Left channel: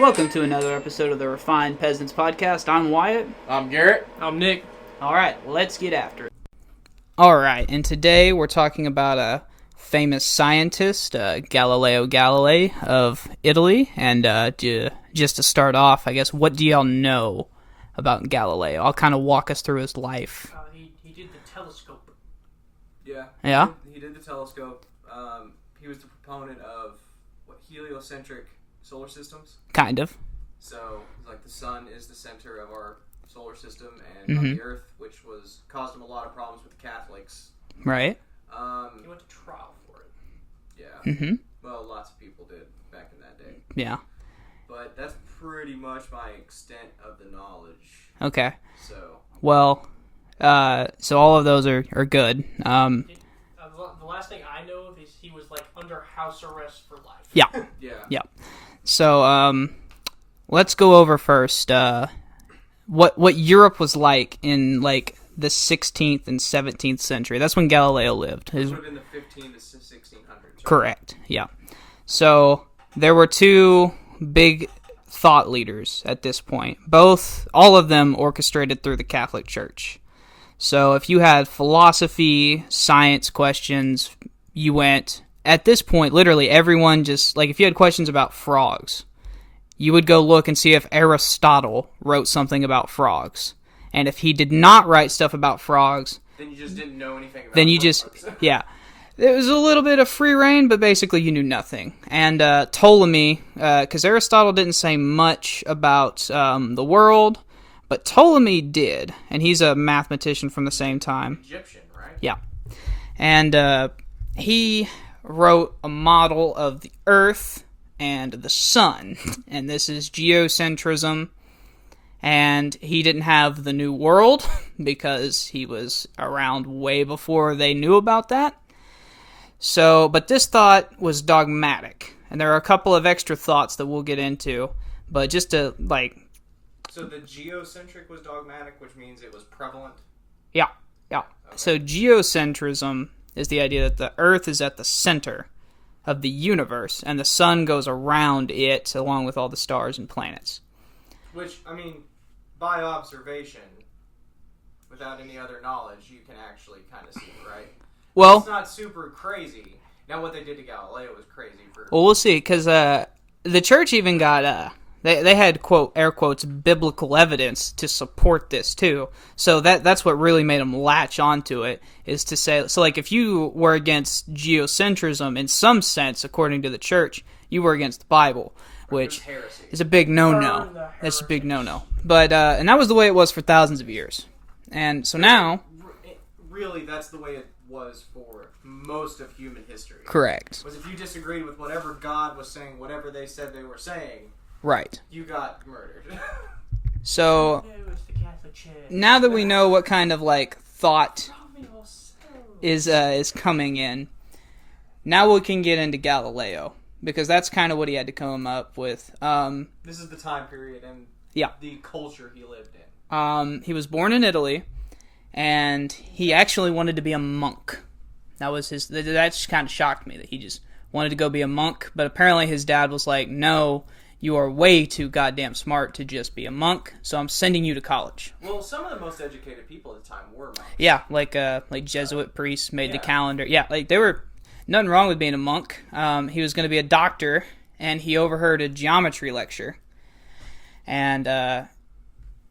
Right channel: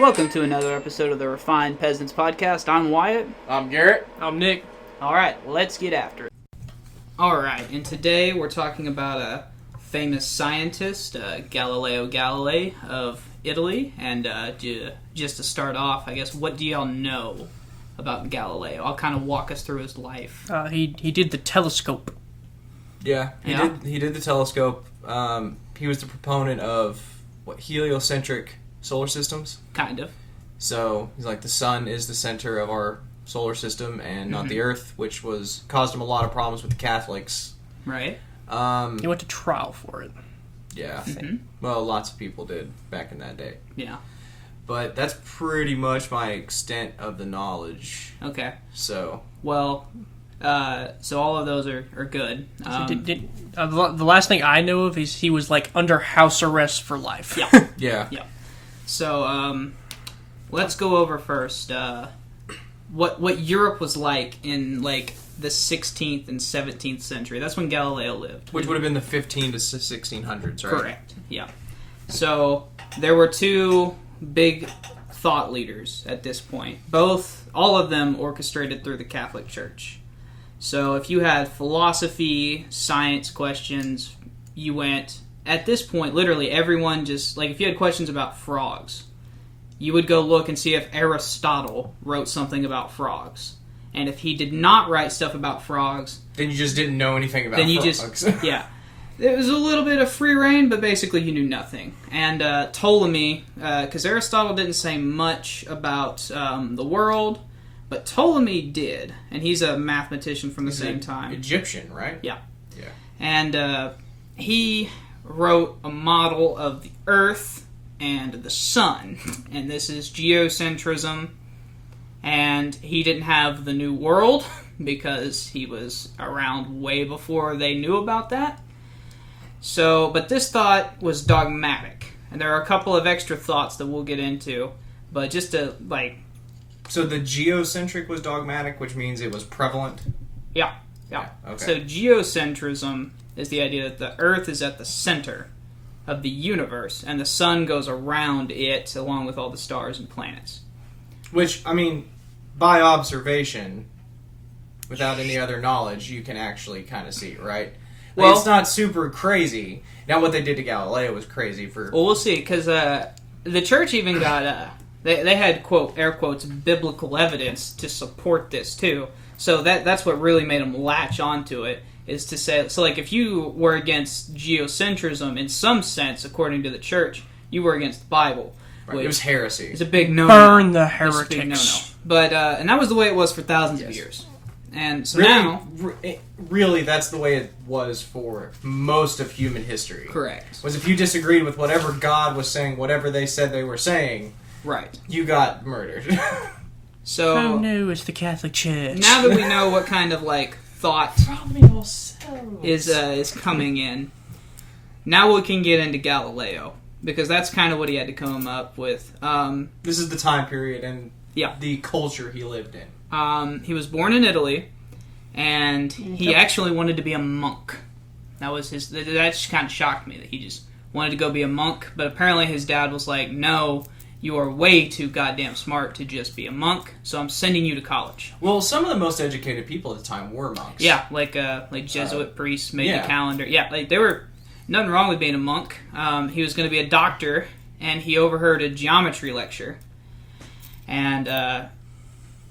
Welcome to another episode of the Refined Peasants podcast. I'm Wyatt. I'm Garrett. I'm Nick. Alright, let's get after it. Alright, and today we're talking about a famous scientist, Galileo Galilei of Italy. And just to start off, I guess, what do y'all know about Galileo? I'll kind of walk us through his life. He did the telescope. Yeah. He did the telescope. He was the proponent of heliocentric solar systems. Kind of. So he's like, the sun is the center of our solar system and not the Earth, which caused him a lot of problems with the Catholics. Right. He went to trial for it. Yeah. Well, lots of people did back in that day. Yeah. But that's pretty much my extent of the knowledge. Okay. So. Well, so all of those are good. The last thing I know of is he was like under house arrest for life. Yeah. Yeah. Yeah. So, let's go over first, what Europe was like in, like, the 16th and 17th century. That's when Galileo lived. Which would have been the 15 to 1600s, right? Correct, yeah. So, there were two big thought leaders at this point. All of them orchestrated through the Catholic Church. So, if you had philosophy, science questions, you went... At this point, literally everyone just, like, if you had questions about frogs, you would go look and see if Aristotle wrote something about frogs. And if he did not write stuff about frogs... Then you just didn't know anything about frogs. Yeah. There was a little bit of free reign, but basically you knew nothing. And Ptolemy, because Aristotle didn't say much about the world, but Ptolemy did. And he's a mathematician from the same time. Egyptian, right? Yeah. And he wrote a model of the Earth and the Sun, and this is geocentrism, and he didn't have the New World, because he was around way before they knew about that. So, but this thought was dogmatic, and there are a couple of extra thoughts that we'll get into, but just to, like... So the geocentric was dogmatic, which means it was prevalent? Yeah. Okay. So geocentrism is the idea that the Earth is at the center of the universe, and the sun goes around it, along with all the stars and planets. Which, I mean, by observation, without any other knowledge, you can actually kind of see, right? Well, it's not super crazy. Now, what they did to Galileo was crazy for... Well, we'll see, because the church even got... They had, quote, air quotes, biblical evidence to support this, too. So that's what really made them latch onto it. Is to say, so like if you were against geocentrism in some sense, according to the church, you were against the Bible, which it was heresy. It's a big no-no. Burn the heretics. It's a big no-no. But and that was the way it was for thousands of years. And so now, really, that's the way it was for most of human history. Correct. Was if you disagreed with whatever God was saying, whatever they said they were saying, right, you got murdered. So, oh no, it's the Catholic Church. Now that we know what kind of like thought is coming in, now we can get into Galileo, because that's kind of what he had to come up with. This is the time period and the culture he lived in. He was born in Italy, and he actually wanted to be a monk. That just kind of shocked me, that he just wanted to go be a monk, but apparently his dad was like, no, you are way too goddamn smart to just be a monk, so I'm sending you to college. Well, some of the most educated people at the time were monks. Yeah, like Jesuit priests made the calendar. Yeah, like they were... Nothing wrong with being a monk. He was going to be a doctor, and he overheard a geometry lecture. And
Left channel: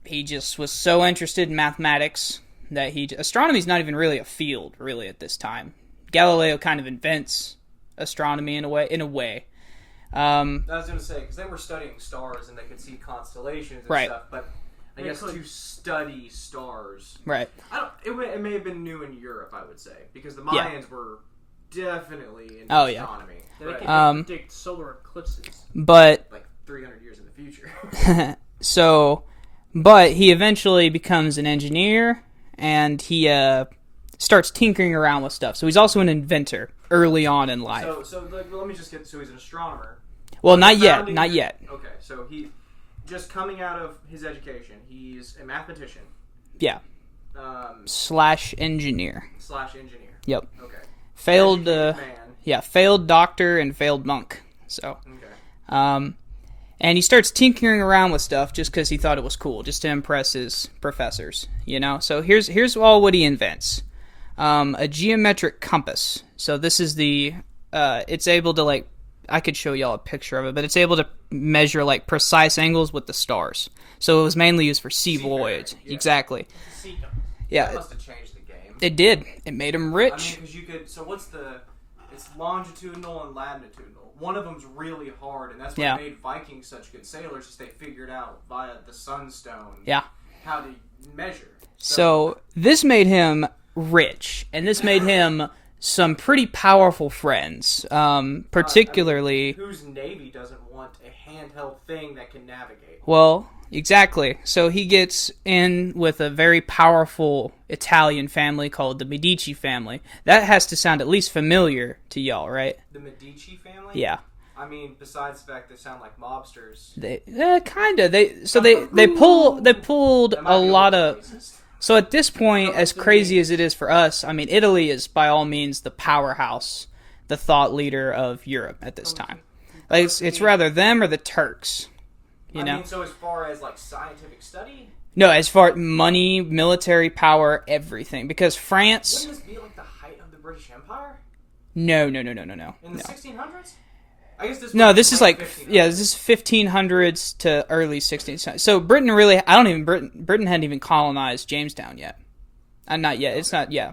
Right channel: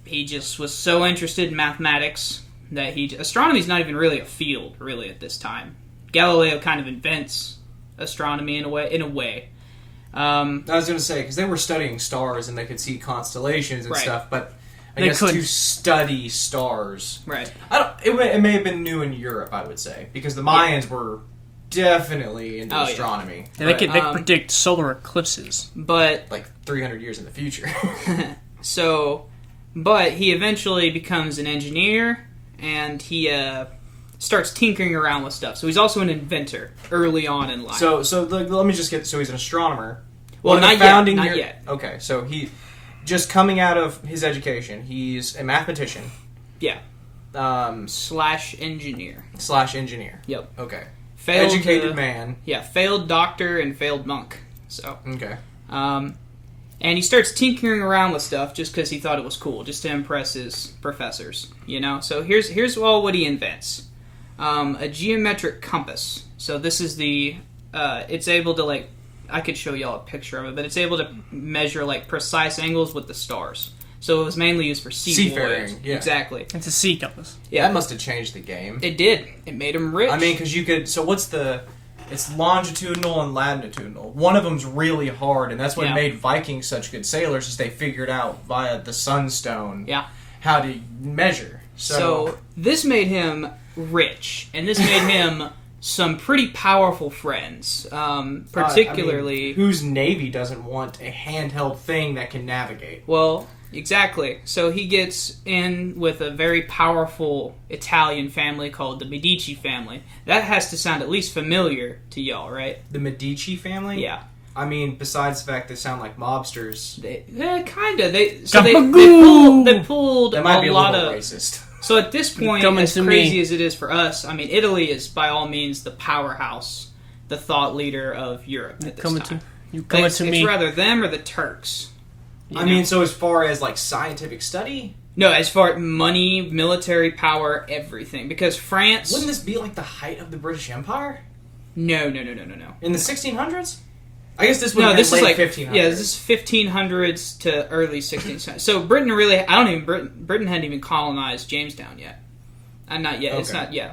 he just was so interested in mathematics that astronomy's not even really a field, really, at this time. Galileo kind of invents astronomy in a way. I was going to say, because they were studying stars and they could see constellations and stuff, but I guess to study stars... Right. It may have been new in Europe, I would say, because the Mayans were definitely into astronomy. Yeah, they could predict solar eclipses. But... Like 300 years in the future. But he eventually becomes an engineer, and he starts tinkering around with stuff. So he's also an inventor early on in life. So let me just get... So he's an astronomer. Well, not yet. Okay, so he... Just coming out of his education, he's a mathematician. Yeah. Slash engineer. Yep. Okay. Educated man. Yeah, failed doctor and failed monk. So. Okay. And he starts tinkering around with stuff just because he thought it was cool, just to impress his professors, you know? So here's all what he invents. A geometric compass. So this is it's able to, like, I could show y'all a picture of it, but it's able to measure, like, precise angles with the stars. So it was mainly used for sea voyages. Yeah. Exactly. It's a sea compass. Yeah. That must have changed the game. It did. It made him rich. I mean, because you could... So what's the... It's longitudinal and latitudinal. One of them's really hard, and that's what made Vikings such good sailors, is they figured out via the sunstone how to measure. So this made him rich, and this made him some pretty powerful friends, particularly... I mean, whose navy doesn't want a handheld thing that can navigate? Well, exactly. So he gets in with a very powerful Italian family called the Medici family. That has to sound at least familiar to y'all, right? The Medici family? Yeah. I mean, besides the fact they sound like mobsters. Kind of. They pulled That might be a lot little of... racist. So at this point, as crazy me. as it is for us, I mean, Italy is by all means the powerhouse, the thought leader of Europe at this time. It's rather them or the Turks. I mean, so as far as, like, scientific study? No, as far as money, military power, everything. Because France... Wouldn't this be, like, the height of the British Empire? No. In the 1600s? I guess this would No, this is like 1500s. Yeah, this is 1500s to early 16th century. So Britain really, Britain hadn't even colonized Jamestown yet. Not yet. Okay. It's not. Yeah.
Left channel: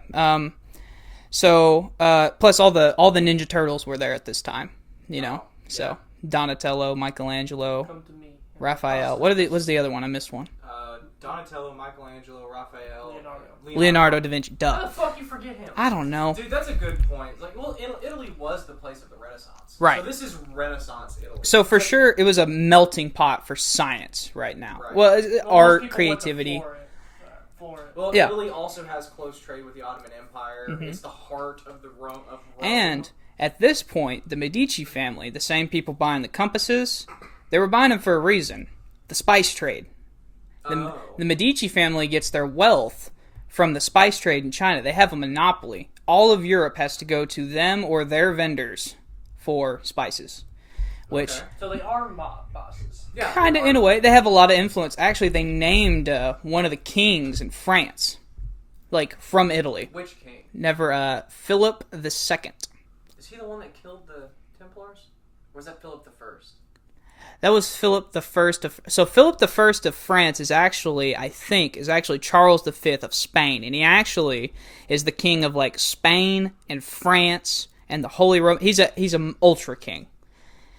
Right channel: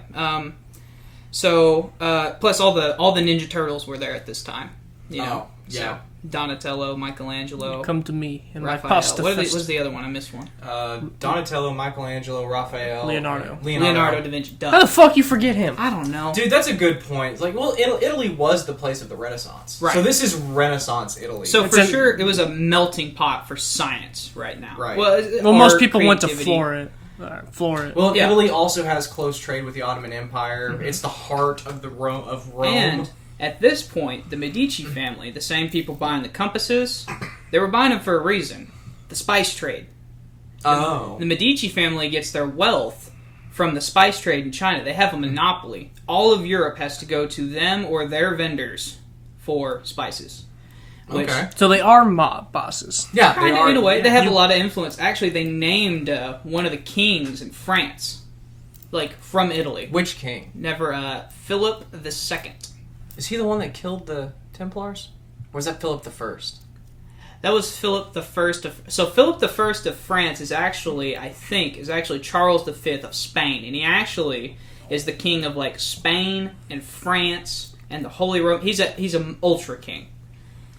Plus all the Ninja Turtles were there at this time. You know. So Donatello, Michelangelo, come to me, and Raphael. What's the other one? I missed one. Donatello, Michelangelo, Raphael, Leonardo da Vinci. Duh. How the fuck you forget him? I don't know, dude. That's a good point. Like, well, Italy was the place of the Renaissance, right? So this is Renaissance Italy. So for sure, it was a melting pot for science right now. Right. Well, most people went to Florence. Well, Italy also has close trade with the Ottoman Empire. Mm-hmm. It's the heart of Rome. And at this point, the Medici family, the same people buying the compasses, they were buying them for a reason. The spice trade. The Medici family gets their wealth from the spice trade in China. They have a monopoly. All of Europe has to go to them or their vendors for spices. So they are mob bosses. Yeah, kind of in a way. They have a lot of influence. Actually, they named one of the kings in France, like from Italy. Which king? Philip II. Is he the one that killed the Templars? Or was that Philip the First? That was Philip the First of... So Philip the First of France is actually Charles the Fifth of Spain. And he actually is the king of, like, Spain and France and the Holy Roman... He's an ultra king.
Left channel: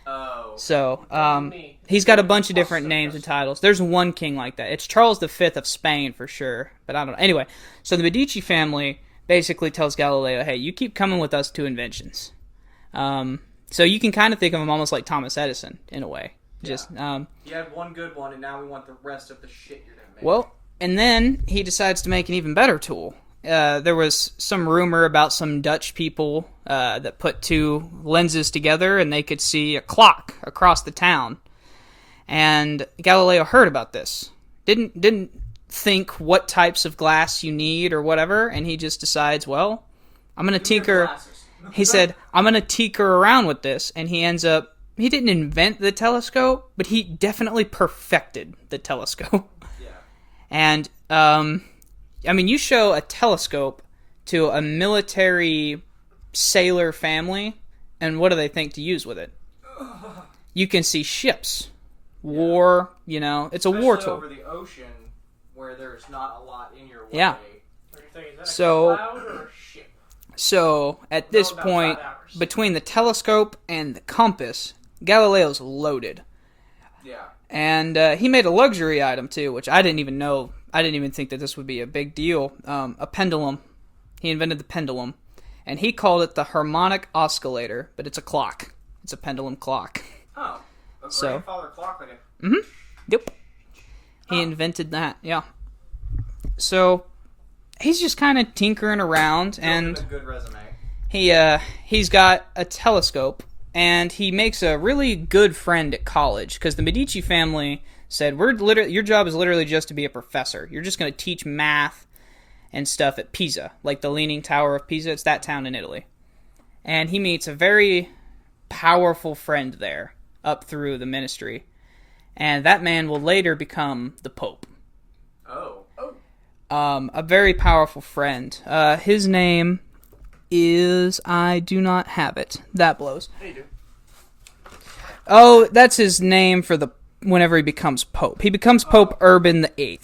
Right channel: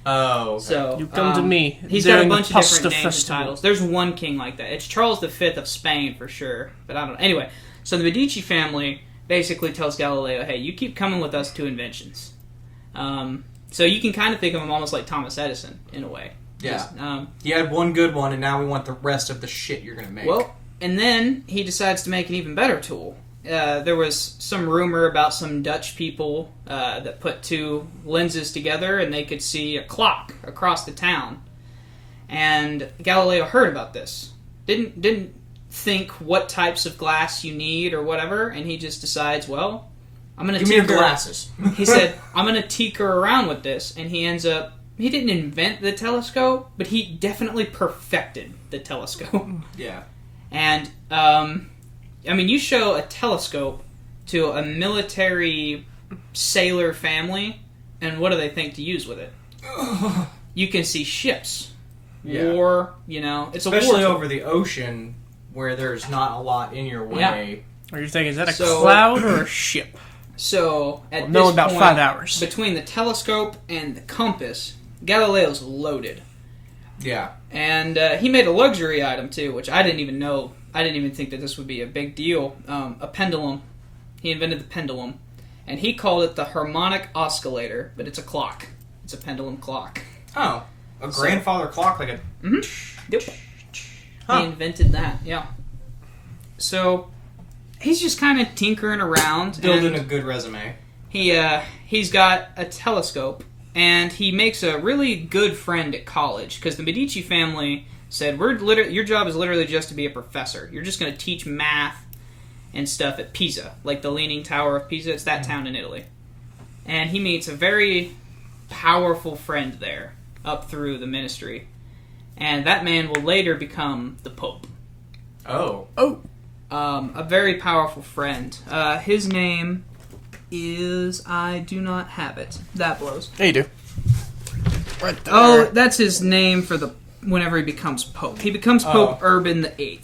Oh. Okay. So, you come to me. He's got a bunch of different names and titles. There's one king like that. It's Charles the Fifth of Spain for sure. But I don't know. Anyway, so the Medici family basically tells Galileo, hey, you keep coming with us to inventions. So you can kind of think of him almost like Thomas Edison, in a way. Yeah. He had one good one, and now we want the rest of the shit you're going to make. Well, and then he decides to make an even better tool. There was some rumor about some Dutch people that put two lenses together, and they could see a clock across the town. And Galileo heard about this. Didn't think what types of glass you need or whatever, and he just decides, well, I'm going to tinker. Give me your glasses. He said, I'm going to tinker around with this, and he ends up. He didn't invent the telescope, but he definitely perfected the telescope. Yeah. And I mean, you show a telescope to a military sailor family, and what do they think to use with it? You can see ships, war. You know, it's especially a war. Especially over the ocean, where there's not a lot in your way. Yeah. Are you thinking, is that a cloud or a ship? So at this about point, 5 hours. Between the telescope and the compass, Galileo's loaded. Yeah. And he made a luxury item too, which I didn't even know. I didn't even think that this would be a big deal. A pendulum. He invented the pendulum, and he called it the harmonic oscillator, but it's a clock. It's a pendulum clock. Oh, a grandfather clock, like a. Mm-hmm. Yep. Huh. He invented that. Yeah. So he's just kind of tinkering around, building a good resume. He's got a telescope, and he makes a really good friend at college because the Medici family said, your job is literally just to be a professor. You're just going to teach math and stuff at Pisa, like the Leaning Tower of Pisa. It's that town in Italy. And he meets a very powerful friend there up through the ministry. and that man will later become the Pope. Oh. A very powerful friend. His name is... I do not have it. That blows. Yeah, you do. Right there. Oh, that's his name for whenever he becomes Pope. He becomes Pope Urban the VIII,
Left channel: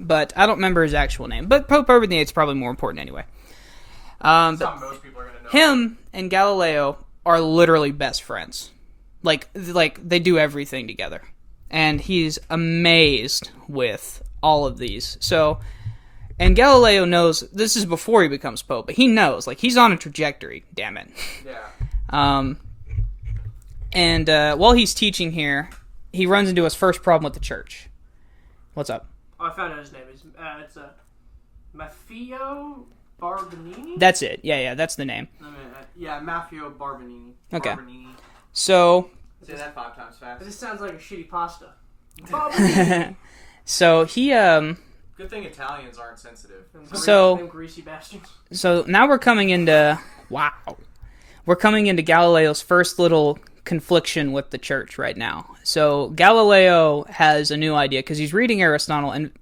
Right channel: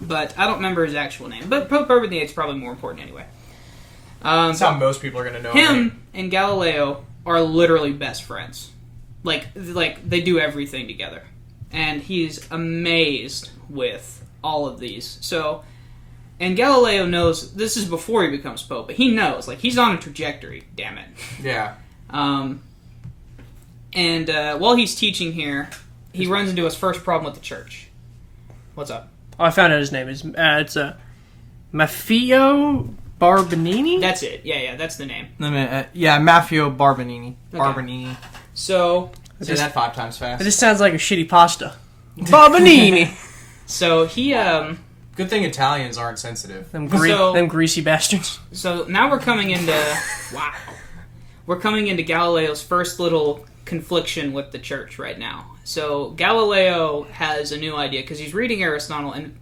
but I don't remember his actual name. But Pope Urban the VIII is probably more important anyway. That's how most people are going to know him and Galileo are literally best friends. Like they do everything together. And he's amazed with all of these. So, and Galileo knows, this is before he becomes Pope, but he knows, like, he's on a trajectory, damn it. Yeah. And while he's teaching here, he runs into his first problem with the church. What's up? Oh, I found out his name. It's Maffeo Barbanini? That's it. Yeah, that's the name. Maffeo Barbanini. Okay. Barbanini. So... Say that 5 times fast. This sounds like a shitty pasta. Barbanini! So he, Good thing Italians aren't sensitive. Them greasy bastards. So now we're coming into... Wow. We're coming into Galileo's first little confliction with the church right now. So Galileo has a new idea, because he's reading Aristotle, and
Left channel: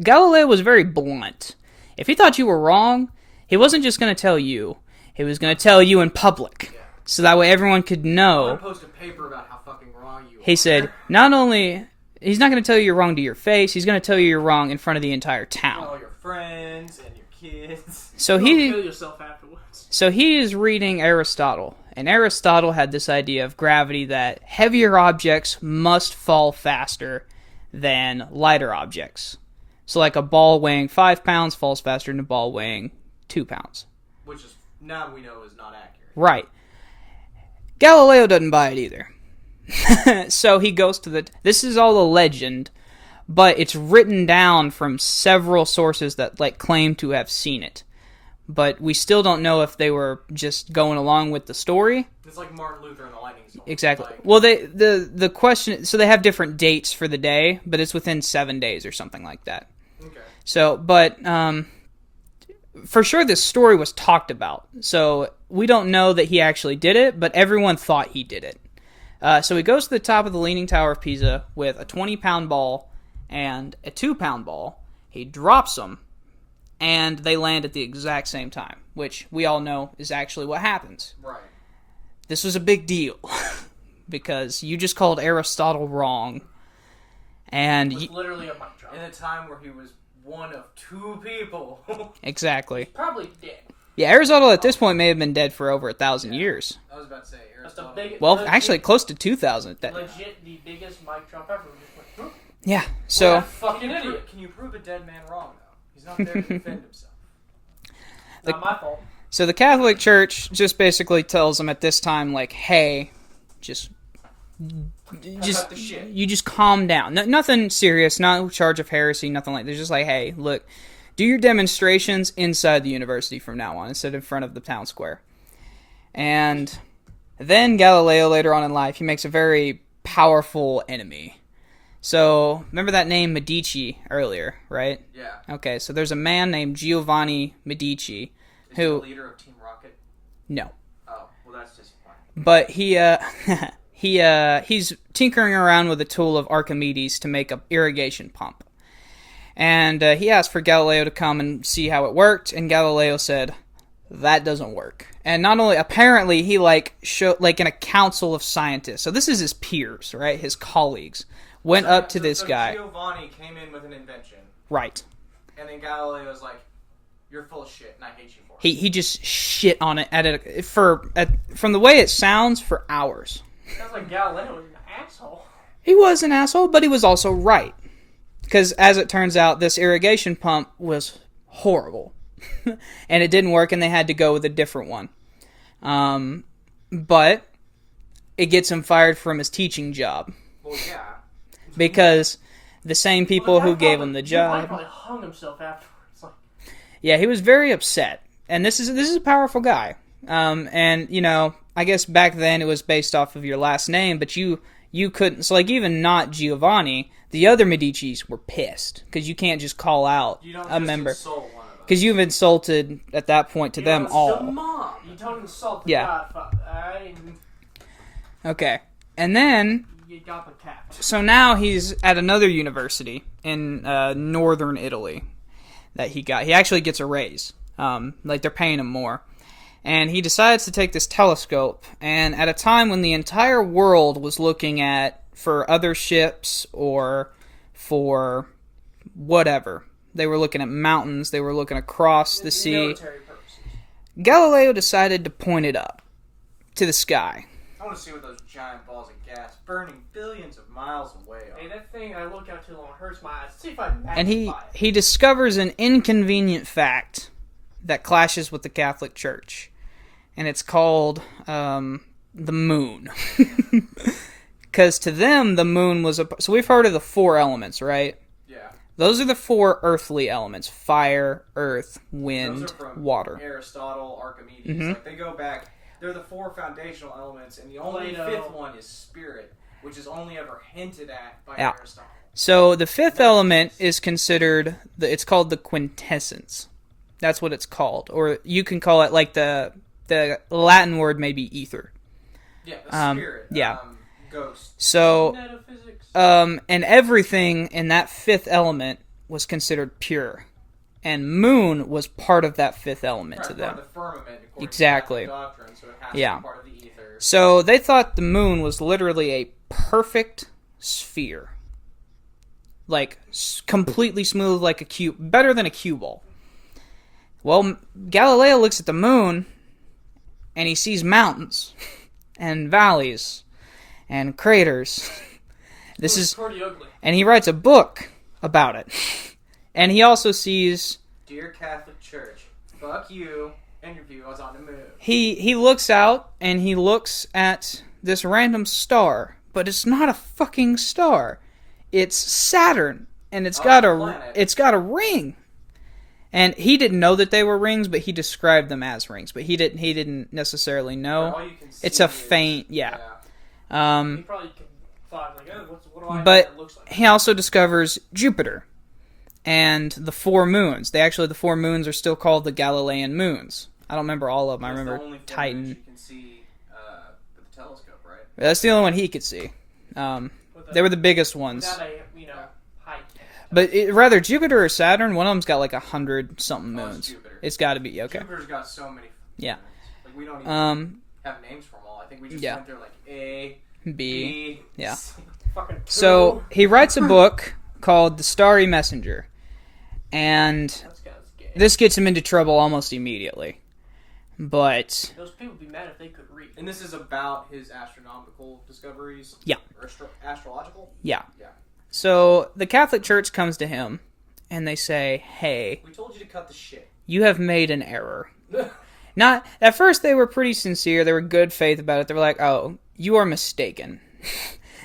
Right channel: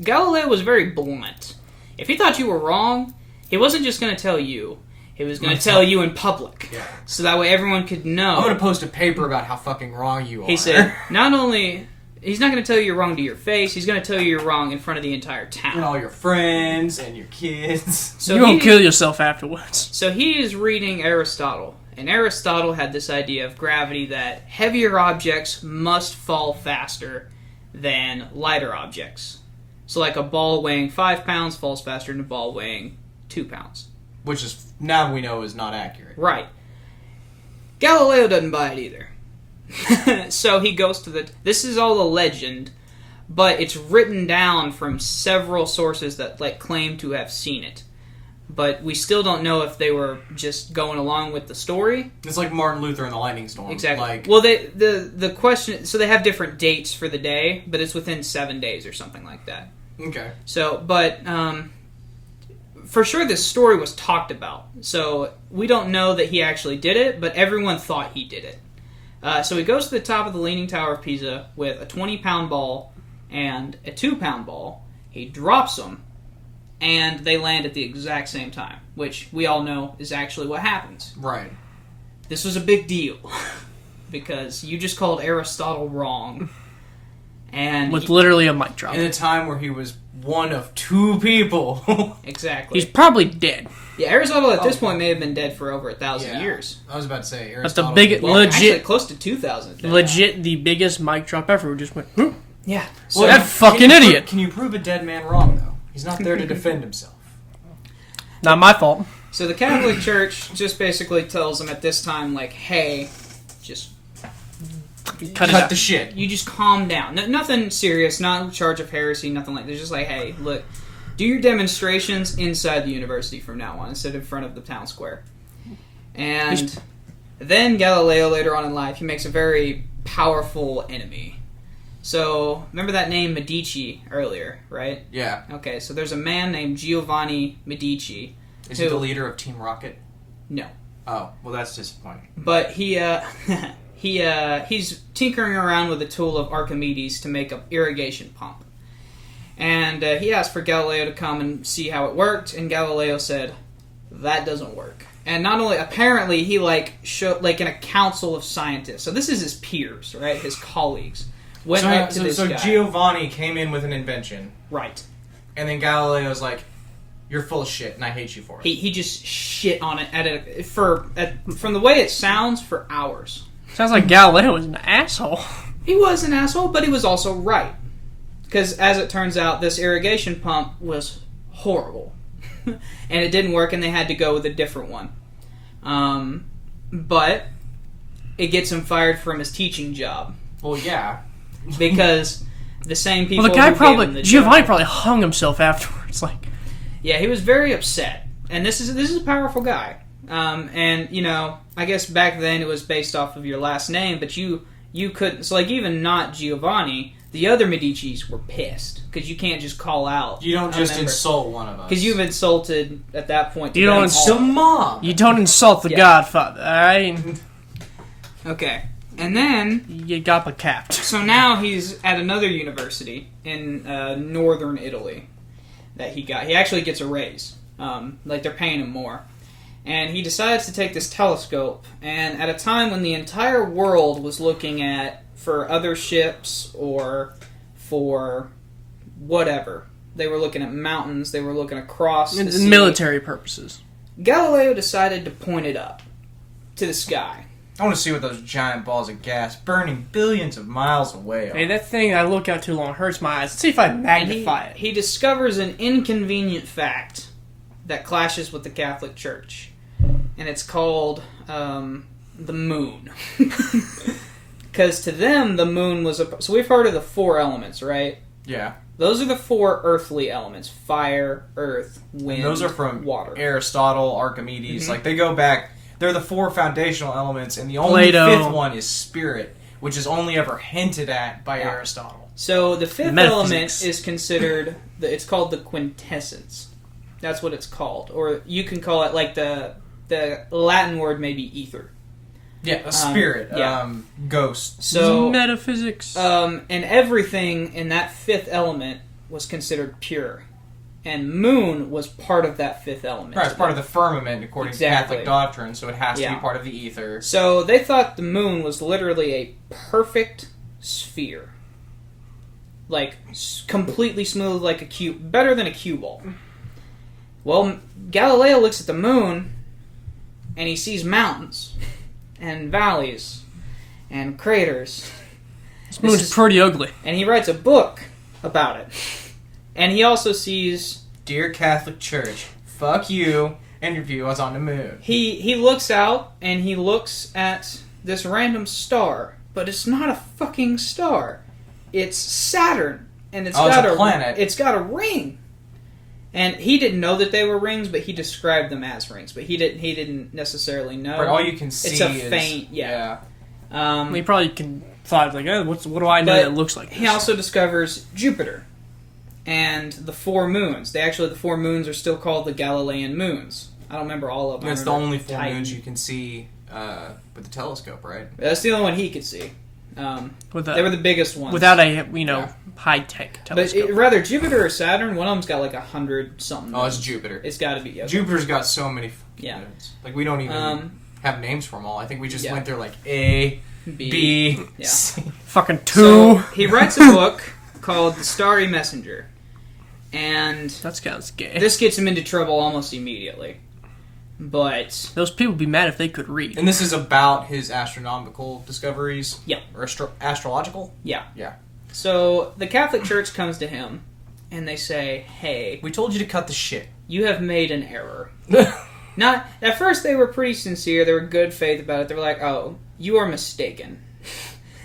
Galileo was very blunt. If he thought you were wrong, he wasn't just going to tell you. He was going to tell you in public. Yeah. So that way everyone could know. I'm going to post a paper about how fucking wrong you are. He said, not only... He's not going to tell you you're wrong to your face, he's going to tell you you're wrong in front of the entire town. And all your friends and your kids. So you won't kill yourself afterwards. So he is reading Aristotle. And Aristotle had this idea of gravity that heavier objects must fall faster than lighter objects. So like a ball weighing 5 pounds falls faster than a ball weighing 2 pounds. Which is, now we know, is not accurate. Right. Galileo doesn't buy it either. So he goes to this is all a legend, but it's written down from several sources that claim to have seen it. But we still don't know if they were just going along with the story. It's like Martin Luther and the Lightning Storm. Exactly. Well, the question... So they have different dates for the day, but it's within 7 days or something like that. Okay. So, but... for sure this story was talked about. So we don't know that he actually did it, but everyone thought he did it. So he goes to the top of the Leaning Tower of Pisa with a 20-pound ball and a 2-pound ball. He drops them, and they land at the exact same time, which we all know is actually what happens. Right. This was a big deal, because you just called Aristotle wrong. And with literally a mic drop. In a time where he was one of 2 people. Exactly. He's probably dead. Yeah, Aristotle at this point may have been dead for over 1,000 years. I was about to say But Aristotle. actually close to 2,000. Legit, the biggest mic drop ever. Just went, whoop. Yeah. So that fucking idiot. Can you prove a dead man wrong, though? He's not there to defend himself. Not my fault. So the Catholic Church just basically tells them at this time, hey, just cut the shit. You just calm down. Nothing serious, no charge of heresy, nothing like that. They're just hey, look, do your demonstrations inside the university from now on, instead of in front of the town square. And then Galileo, later on in life, he makes a very powerful enemy. So, remember that name Medici earlier, right? Yeah. Okay, so there's a man named Giovanni Medici. Is he the leader of Team Rocket? No. Oh, well that's disappointing. But he, he's tinkering around with the tool of Archimedes to make an irrigation pump. And he asked for Galileo to come and see how it worked, and Galileo said, that doesn't work. And not only, apparently, he showed, in a council of scientists. So this is his peers, right? His colleagues. Went up to this guy. So Giovanni came in with an invention. Right. And then Galileo's like, you're full of shit, and I hate you for it. He just shit on it from the way it sounds, for hours. Sounds like Galileo was an asshole. He was an asshole, but he was also right. Because, as it turns out, this irrigation pump was horrible. And it didn't work, and they had to go with a different one. But it gets him fired from his teaching job. Well, yeah. Because the same people the guy who gave him the Giovanni job, probably hung himself afterwards. Yeah, he was very upset. And this is a powerful guy. And, I guess back then it was based off of your last name, but you couldn't... So, even not Giovanni... The other Medicis were pissed, because you can't just call out. You don't just insult one of us. Because you've insulted, at that point, Mom. You don't insult the Godfather, alright? Okay. And then You got capped. so now he's at another university in northern Italy that he actually gets a raise. Like they're paying him more. And he decides to take this telescope, and at a time when the entire world was looking for other ships or for whatever. They were looking at mountains, they were looking across the sea. Military purposes. Galileo decided to point it up to the sky. I want to see what those giant balls of gas burning billions of miles away are. Hey, that thing I look at too long hurts my eyes. Let's see if I magnify it. He discovers an inconvenient fact that clashes with the Catholic Church. And it's called the moon. Because to them, the moon was so we've heard of the 4 elements, right? Yeah. Those are the 4 earthly elements: fire, earth, wind, those are from water. Aristotle, Archimedes. Mm-hmm. Like, they go back. They're the 4 foundational elements, and the only Plato. 5th one is spirit, which is only ever hinted at by Aristotle. So the 5th Metaphysics. element is considered, it's called the quintessence. That's what it's called. Or you can call it, like, the Latin word may be ether. Yeah, a spirit. yeah. Ghost. So, Metaphysics. and everything in that 5th element was considered pure. And moon was part of that 5th element. Right, it's part of the firmament, according to Catholic doctrine, so it has to be part of the ether. So they thought the moon was literally a perfect sphere. Like, completely smooth like a cube. Better than a cue ball. Well, Galileo looks at the moon, and he sees mountains, and valleys, and craters. This is pretty ugly. And he writes a book about it. And he also sees... Dear Catholic Church, fuck you, interview us on the moon. He looks out, and he looks at this random star. But it's not a fucking star. It's Saturn. And it's got a planet. It's got a ring. And he didn't know that they were rings, but he described them as rings. But he didn't necessarily know. But all you can see it's a faint, yeah. He probably thought, like, what do I know that it looks like this? He also discovers Jupiter and the 4 moons. The 4 moons are still called the Galilean moons. I don't remember all of them. It's the only 4 moons you can see with the telescope, right? That's the only one he could see. They were the biggest ones. Without a, high-tech telescope. But rather, Jupiter or Saturn, one of them's got like 100-something. Oh, it's Jupiter. It's got to be. Okay. Jupiter's got so many Yeah. moons. Like, we don't even have names for them all. I think we just went through, like, A, B, yeah. C. Fucking 2. So, he writes a book called The Starry Messenger. And That's kind of scary. this gets him into trouble almost immediately. But Those people would be mad if they could read. And this is about his astronomical discoveries? Yeah. Or astrological? yeah. Yeah. So the Catholic Church comes to him and they say, "Hey, We told you to cut the shit. you have made an error." Not at first they were pretty sincere, they were good faith about it. They were like, "Oh, you are mistaken."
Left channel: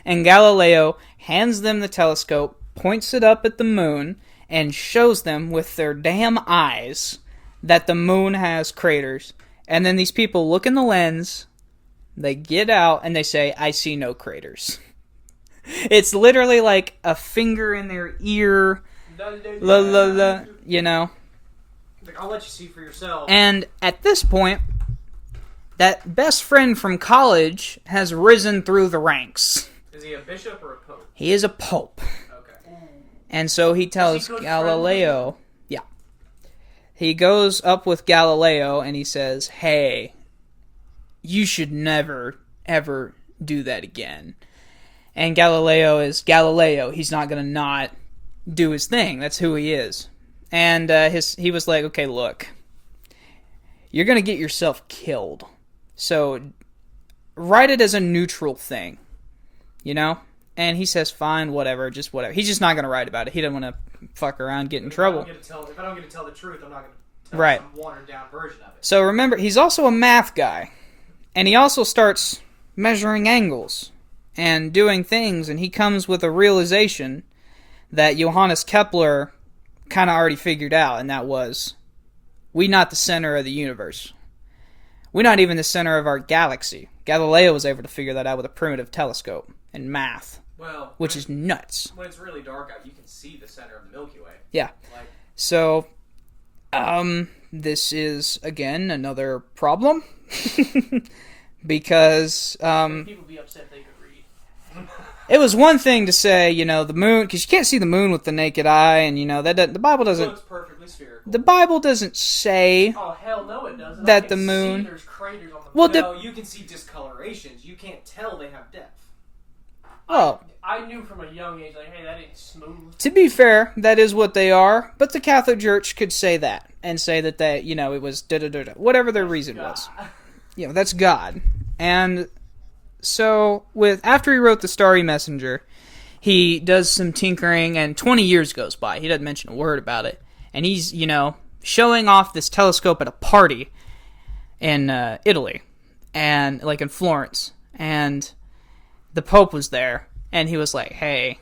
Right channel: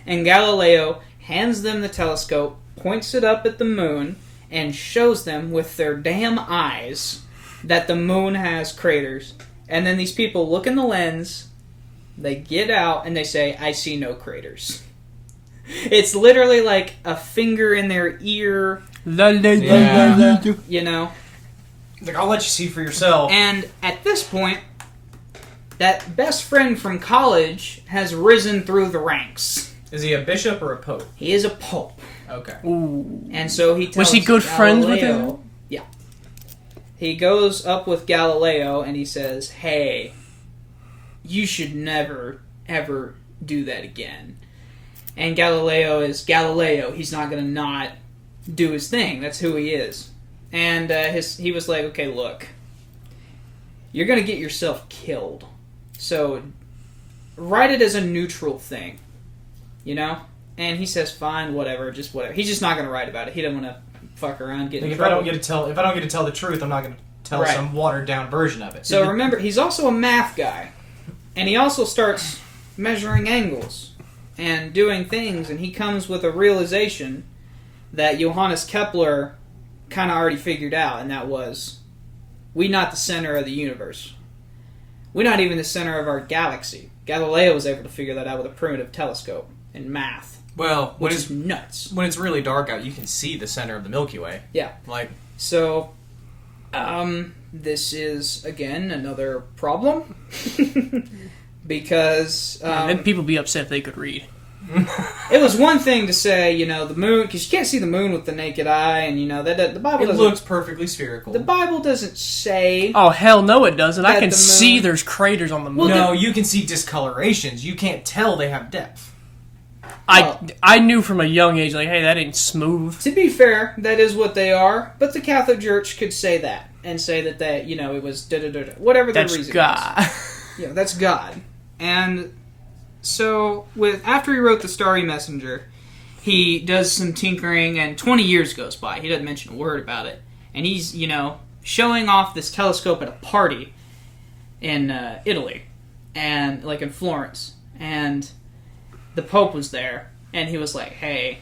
And Galileo hands them the telescope, points it up at the moon, and shows them with their damn eyes that the moon has craters. And then these people look in the lens, they get out, and they say, "I see no craters." It's literally like a finger in their ear, you know? Like, I'll let you see for yourself. And at this point, that best friend from college has risen through the ranks. Is he a bishop or a pope? He is a pope. Okay. Ooh. And so he tells Was he good friends with Galileo- him? Yeah. He goes up with Galileo and he says, "Hey, you should never, ever do that again." And Galileo is Galileo. He's not going to not do his thing. That's who he is. And he was like, "Okay, look, you're going to get yourself killed. So write it as a neutral thing, you know?" And he says, "Fine, whatever, just whatever." He's just not going to write about it. He doesn't want to fuck around, get in If I trouble. don't get to tell the truth, I'm not going to tell Right. some watered down version of it. So remember, he's also a math guy. And he also starts measuring angles and doing things, and he comes with a realization that Johannes Kepler kind of already figured out, and that was, we not the center of the universe. We're not even the center of our galaxy. Galileo was able to figure that out with a primitive telescope and math, well, which is nuts. when it's really dark out, you can see the center of the Milky Way. Yeah. Like, So, this is, again, another problem. because And then people be upset if they could read. it was one thing to say, the moon, because you can't see the moon with the naked eye, and that the Bible doesn't. It looks perfectly spherical. The Bible doesn't say. Oh hell no, it doesn't. I can the see moon- there's craters on the moon. Well, No, you can see discolorations. You can't tell they have depth. I knew from a young age, like, hey, that ain't smooth. To be fair, that is what they are, but the Catholic Church could say that and say that it was da-da-da-da, whatever their That's reason God. is. Yeah, that's God. And so, after he wrote The Starry Messenger, he does some tinkering, and 20 years goes by. He doesn't mention a word about it. And he's, showing off this telescope at a party in Italy, and like in Florence. And the Pope was there, and he was like, hey,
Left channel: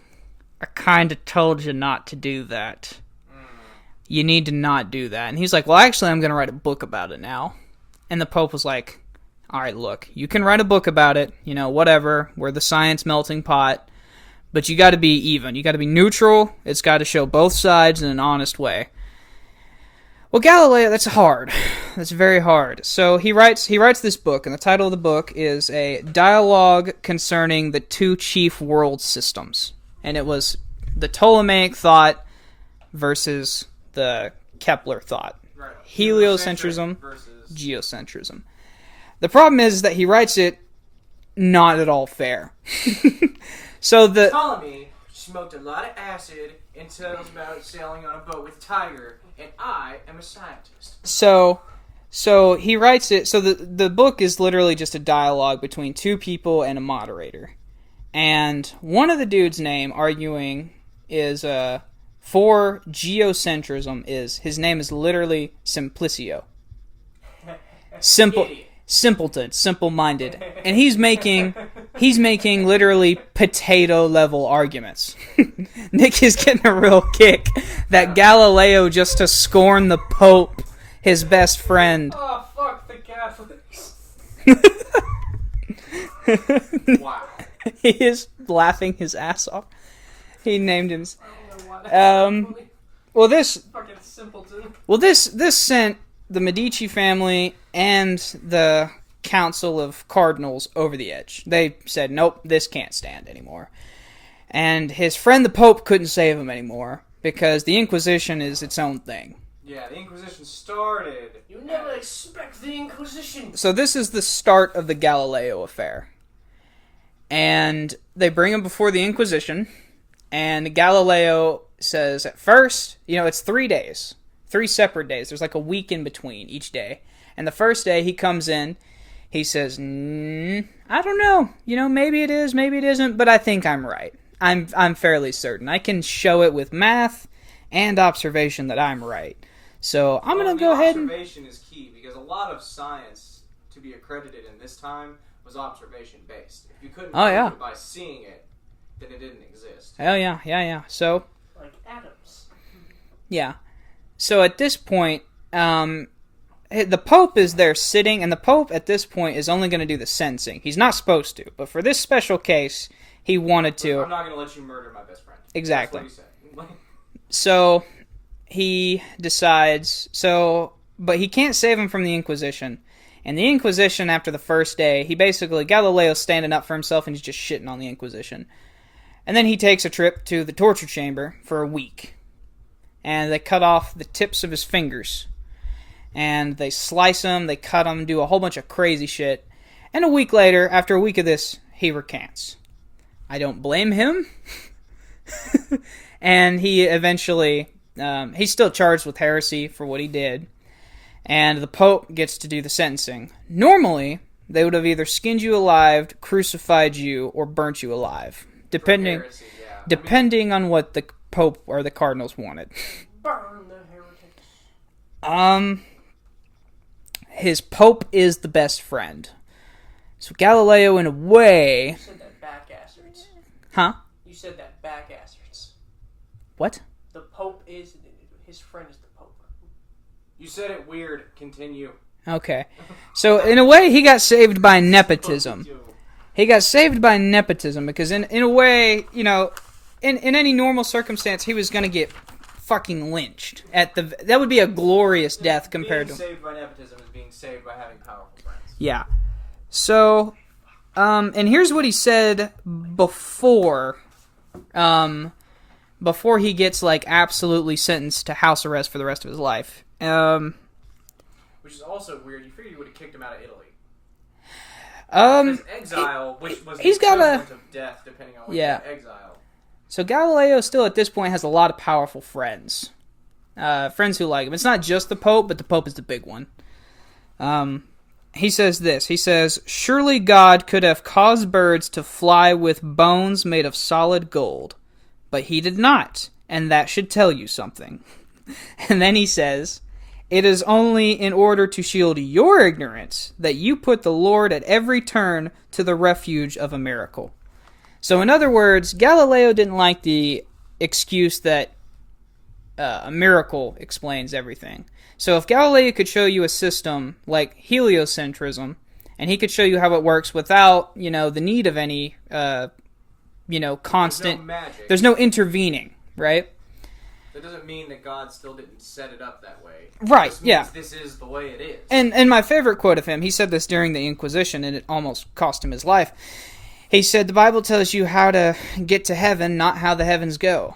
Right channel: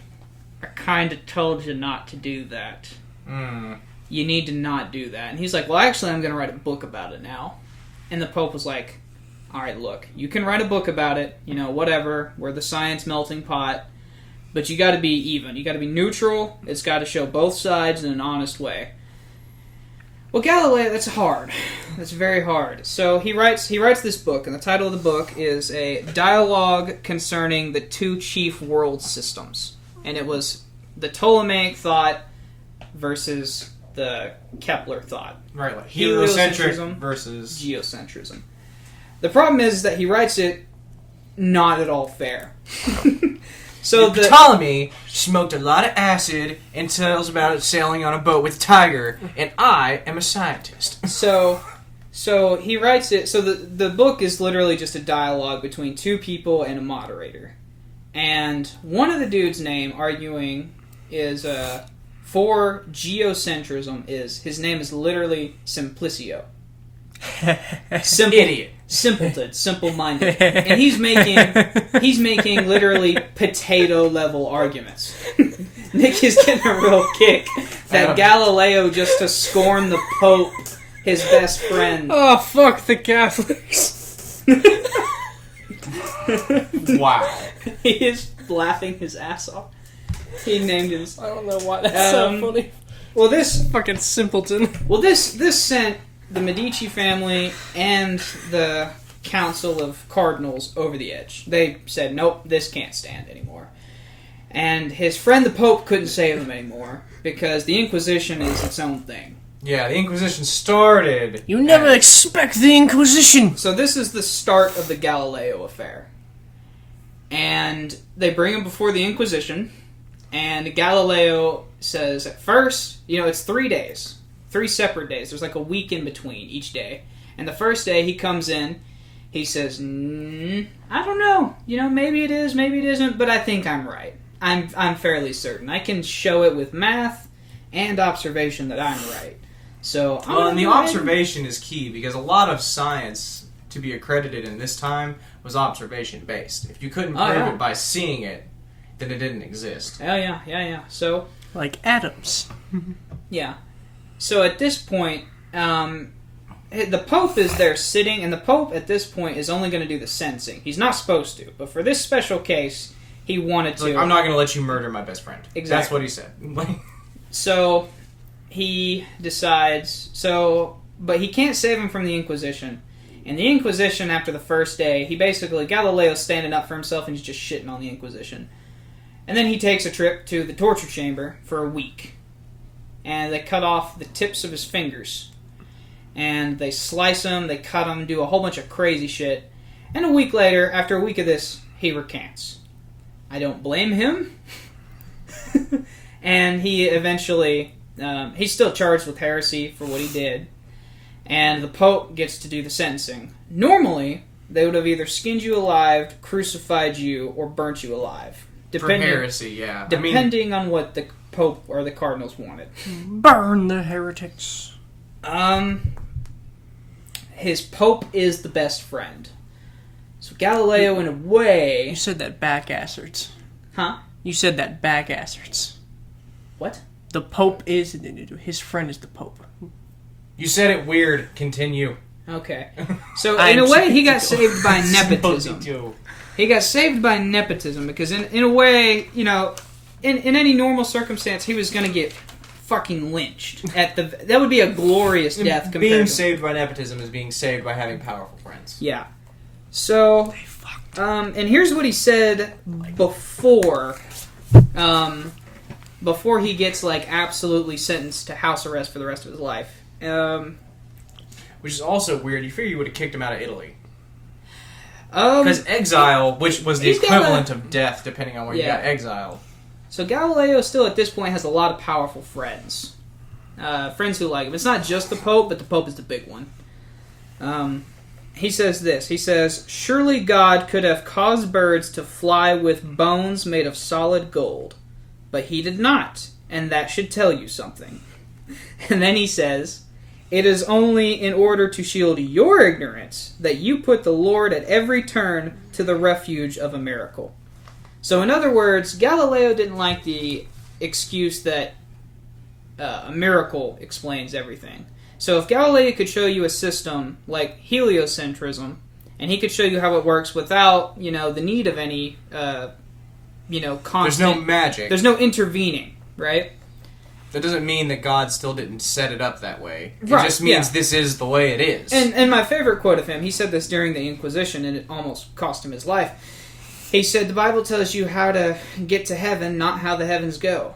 I kind of told you not to do that. You need to not do that. And he's like, well, actually, I'm going to write a book about it now. And the Pope was like, all right, look, you can write a book about it, whatever. We're the science melting pot. But you got to be even. You got to be neutral. It's got to show both sides in an honest way. Well, Galileo, that's hard. That's very hard. So he writes this book, and the title of the book is A Dialogue Concerning the Two Chief World Systems. And it was the Ptolemaic thought versus the Kepler thought. Right, like Heliocentrism versus geocentrism. The problem is that he writes it not at all fair. So Ptolemy smoked a lot of acid and tells about sailing on a boat with Tiger, and I am a scientist. So he writes it. So the book is literally just a dialogue between two people and a moderator, and one of the dudes' name arguing is for geocentrism is his name is literally Simplicio. Idiot. Simpleton, simple-minded, and he's making literally potato-level arguments. Nick is getting a real kick that Galileo, just to scorn the Pope, his best friend. Oh, fuck the Catholics. Wow. He is laughing his ass off. He named his. I don't know why that's so funny. Well, this Fucking simpleton. Well, this sent the Medici family and the Council of Cardinals over the edge. They said, nope, this can't stand anymore. And his friend the Pope couldn't save him anymore because the Inquisition is its own thing. Yeah, the Inquisition started. You never expect the Inquisition. So this is the start of the Galileo affair. And they bring him before the Inquisition, and Galileo says at first, it's 3 days. 3 separate days. There's like a week in between each day. And the first day he comes in, he says, I don't know. Maybe it is, maybe it isn't, but I think I'm right. I'm fairly certain. I can show it with math and observation that I'm right. So I'm going to the observation is key because a lot of science to be accredited in this time was observation based. If you couldn't prove it by seeing it, then it didn't exist. Oh yeah. So like atoms. yeah. So at this point, the Pope is there sitting, and the Pope at this point is only going to do the sentencing. He's not supposed to, but for this special case, he wanted to. Like, I'm not going to let you murder my best friend. Exactly. That's what he said. So he decides. But he can't save him from the Inquisition. And the Inquisition, after the first day, Galileo's standing up for himself, and he's just shitting on the Inquisition. And then he takes a trip to the torture chamber for a week. And they cut off the tips of his fingers. And they slice them, they cut them, do a whole bunch of crazy shit. And a week later, after a week of this, he recants. I don't blame him. And he eventually, he's still charged with heresy for what he did. And the Pope gets to do the sentencing. Normally, they would have either skinned you alive, crucified you, or burnt you alive. For heresy, yeah. Depending on what the Pope or the Cardinals wanted. Burn the heretics. His Pope is the best friend. So Galileo, in a way... You said that backasserts. Huh? You said that backasserts. What? The Pope is... His friend is the Pope. You said it weird. Continue. Okay. So, in a way, he got saved by nepotism. He got saved by nepotism because, in a way, in any normal circumstance, he was going to get fucking lynched. That would be a glorious death compared Being to... saved by nepotism is being saved by having powerful friends. Yeah. So, and here's what he said before he gets like absolutely sentenced to house arrest for the rest of his life. Which is also weird. You figure you would have kicked him out of Italy. Because Because exile, which was the equivalent of death, depending on where you got exiled. So Galileo still at this point has a lot of powerful friends. Friends who like him. It's not just the Pope, but the Pope is the big one. He says this. He says, "Surely God could have caused birds to fly with bones made of solid gold. But he did not, and that should tell you something." And then he says, "It is only in order to shield your ignorance that you put the Lord at every turn to the refuge of a miracle." So in other words, Galileo didn't like the excuse that a miracle explains everything. So if Galileo could show you a system like heliocentrism, and he could show you how it works without, the need of any, constant... There's no magic. There's no intervening, right? That doesn't mean that God still didn't set it up that way. Right, It just means this is the way it is. And my favorite quote of him, he said this during the Inquisition, and it almost cost him his life. He said, "The Bible tells you how to get to heaven, not how the heavens go."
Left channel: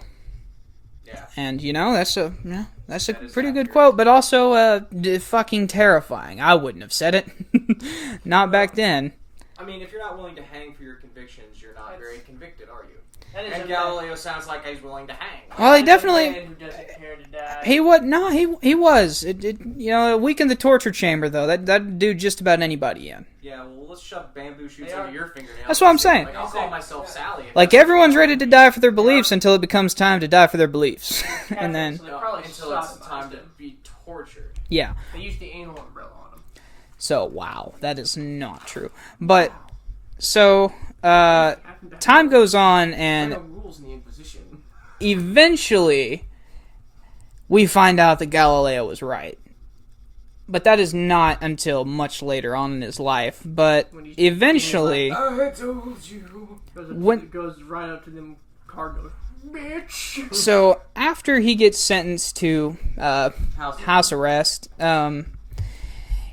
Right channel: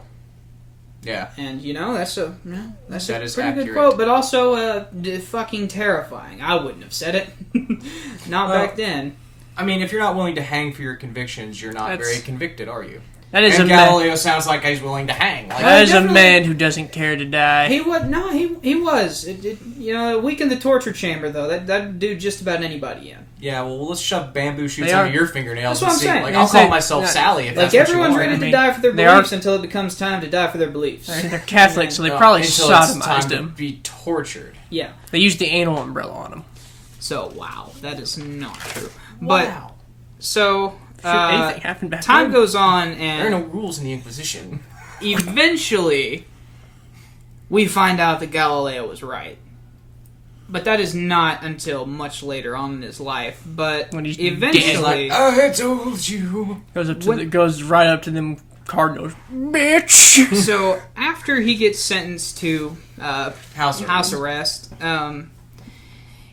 Yeah. And, that's a That is pretty good accurate. quote, but also fucking terrifying. I wouldn't have said it. Not back then. I mean, if you're not willing to hang for your convictions, you're not That's- very convicted, are you? That is And a man. Galileo sounds like he's willing to hang. Like, That is a definitely- man who doesn't care to die. He was he was. It weakened the torture chamber though. That'd do just about anybody in. yeah, well, let's shove bamboo shoots They under are- your fingernails. That's what and I'm see. saying. Like, I'll They call say- myself yeah. Sally. If Like that's what you everyone's want. ready to mean, die for their they are- beliefs until it becomes time to die for their beliefs. They're Catholics, so they No, probably until it's time sodomized to him. be tortured. Yeah. They used the anal umbrella on him. So wow, that is not true. But Wow. so Anything happened back time then? goes on, There are no and rules in the Inquisition. eventually we find out that Galileo was right. But that is not until much later on in his life. But When he's eventually, I told you. Goes right up to them cardinals. Bitch! so after he gets sentenced to house arrest,